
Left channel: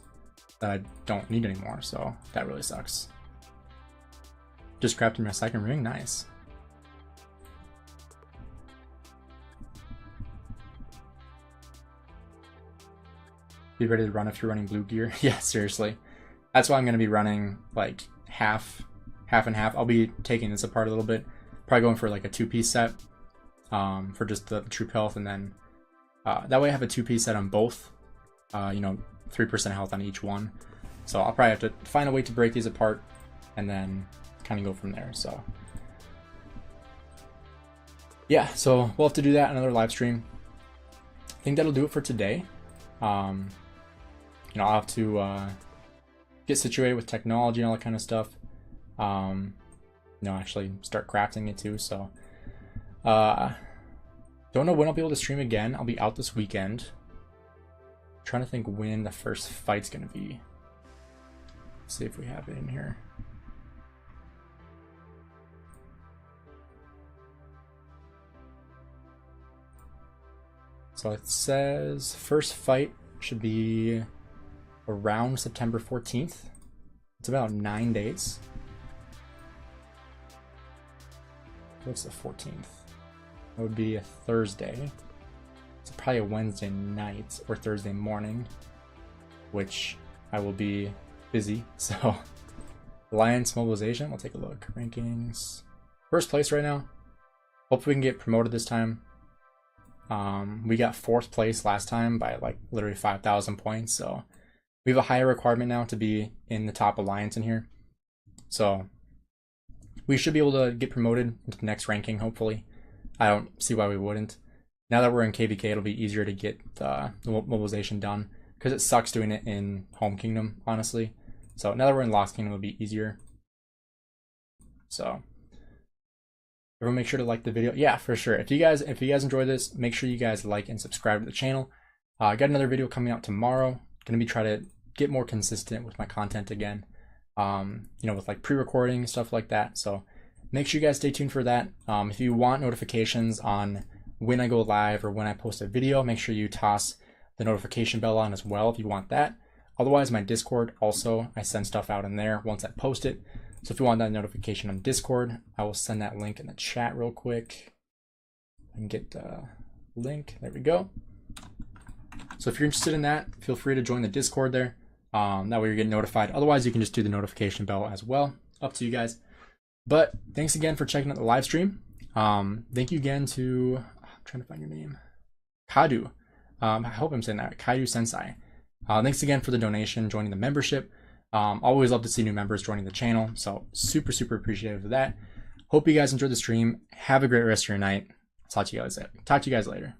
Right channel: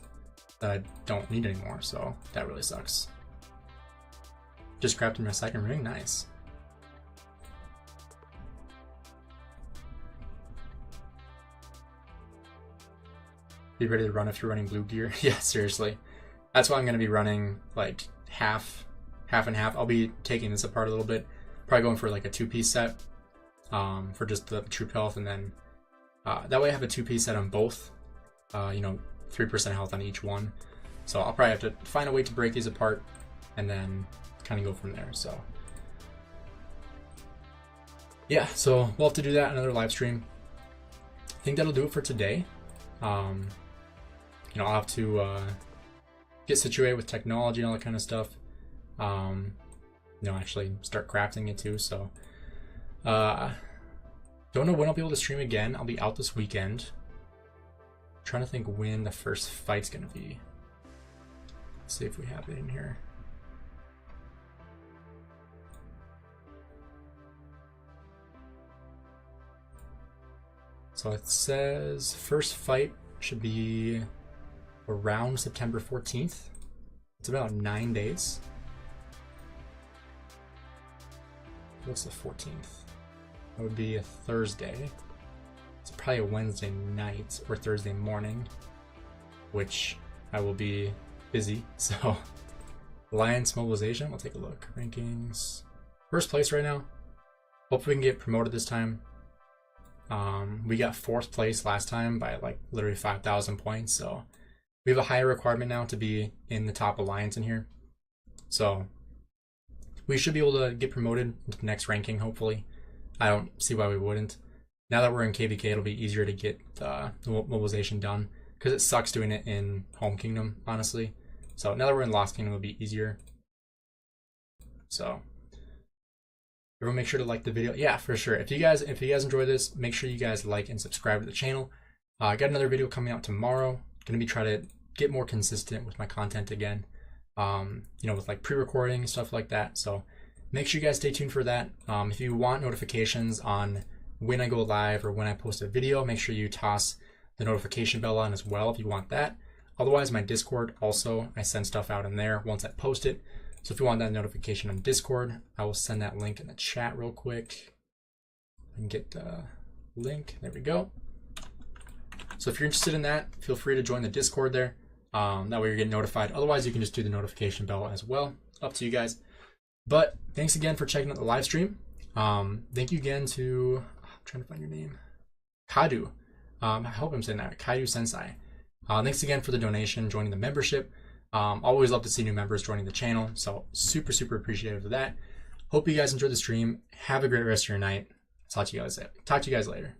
that I don't need anymore, so that really sucks. Just crafted my second ring, nice. Be ready to run if you're running blue gear. Yeah, seriously. That's why I'm going to be running like half and half. I'll be taking this apart a little bit. Probably going for like a 2-piece set for just the troop health, and then that way I have a 2-piece set on both. You know, 3% health on each one. So I'll probably have to find a way to break these apart and then kind of go from there. So yeah, so we'll have to do that another live stream. I think that'll do it for today. You know, I'll have to get situated with technology and all that kind of stuff. You know, actually start crafting it too. So don't know when I'll be able to stream again. I'll be out this weekend. Trying to think when the first fight's gonna be. Let's see if we have it in here. So it says first fight should be around September 14th. It's about 9 days. What's the 14th? It would be a Thursday. It's probably a Wednesday night or Thursday morning, which I will be busy. So Alliance mobilization, we'll take a look. Rankings. First place right now. Hopefully we can get promoted this time. We got 4th place last time by like literally 5,000 points. So we have a higher requirement now to be in the top alliance in here. So we should be able to get promoted into the next ranking, hopefully. I don't see why we wouldn't. Now that we're in KVK, it'll be easier to get the mobilization done, because it sucks doing it in Home Kingdom, honestly. So now that we're in Lost Kingdom, it'll be easier. So everyone make sure to like the video. Yeah, for sure. If you guys enjoy this, make sure you guys like and subscribe to the channel. I got another video coming out tomorrow. Gonna be trying to get more consistent with my content again. You know, with like pre-recording, stuff like that. So make sure you guys stay tuned for that. If you want notifications on when I go live or when I post a video, make sure you toss the notification bell on as well if you want that. Otherwise, my Discord also, I send stuff out in there once I post it. So if you want that notification on Discord, I will send that link in the chat real quick. I can get the link. There we go. So if you're interested in that, feel free to join the Discord there. That way you're getting notified. Otherwise, you can just do the notification bell as well. Up to you guys. But thanks again for checking out the live stream. Thank you again to, I'm trying to find your name, Kadu. I hope I'm saying that, Kaidu Sensei. Thanks again for the donation, joining the membership. Always love to see new members joining the channel, so super appreciative of that. Hope you guys enjoyed the stream. Have a great rest of your night. Talk to you guys later.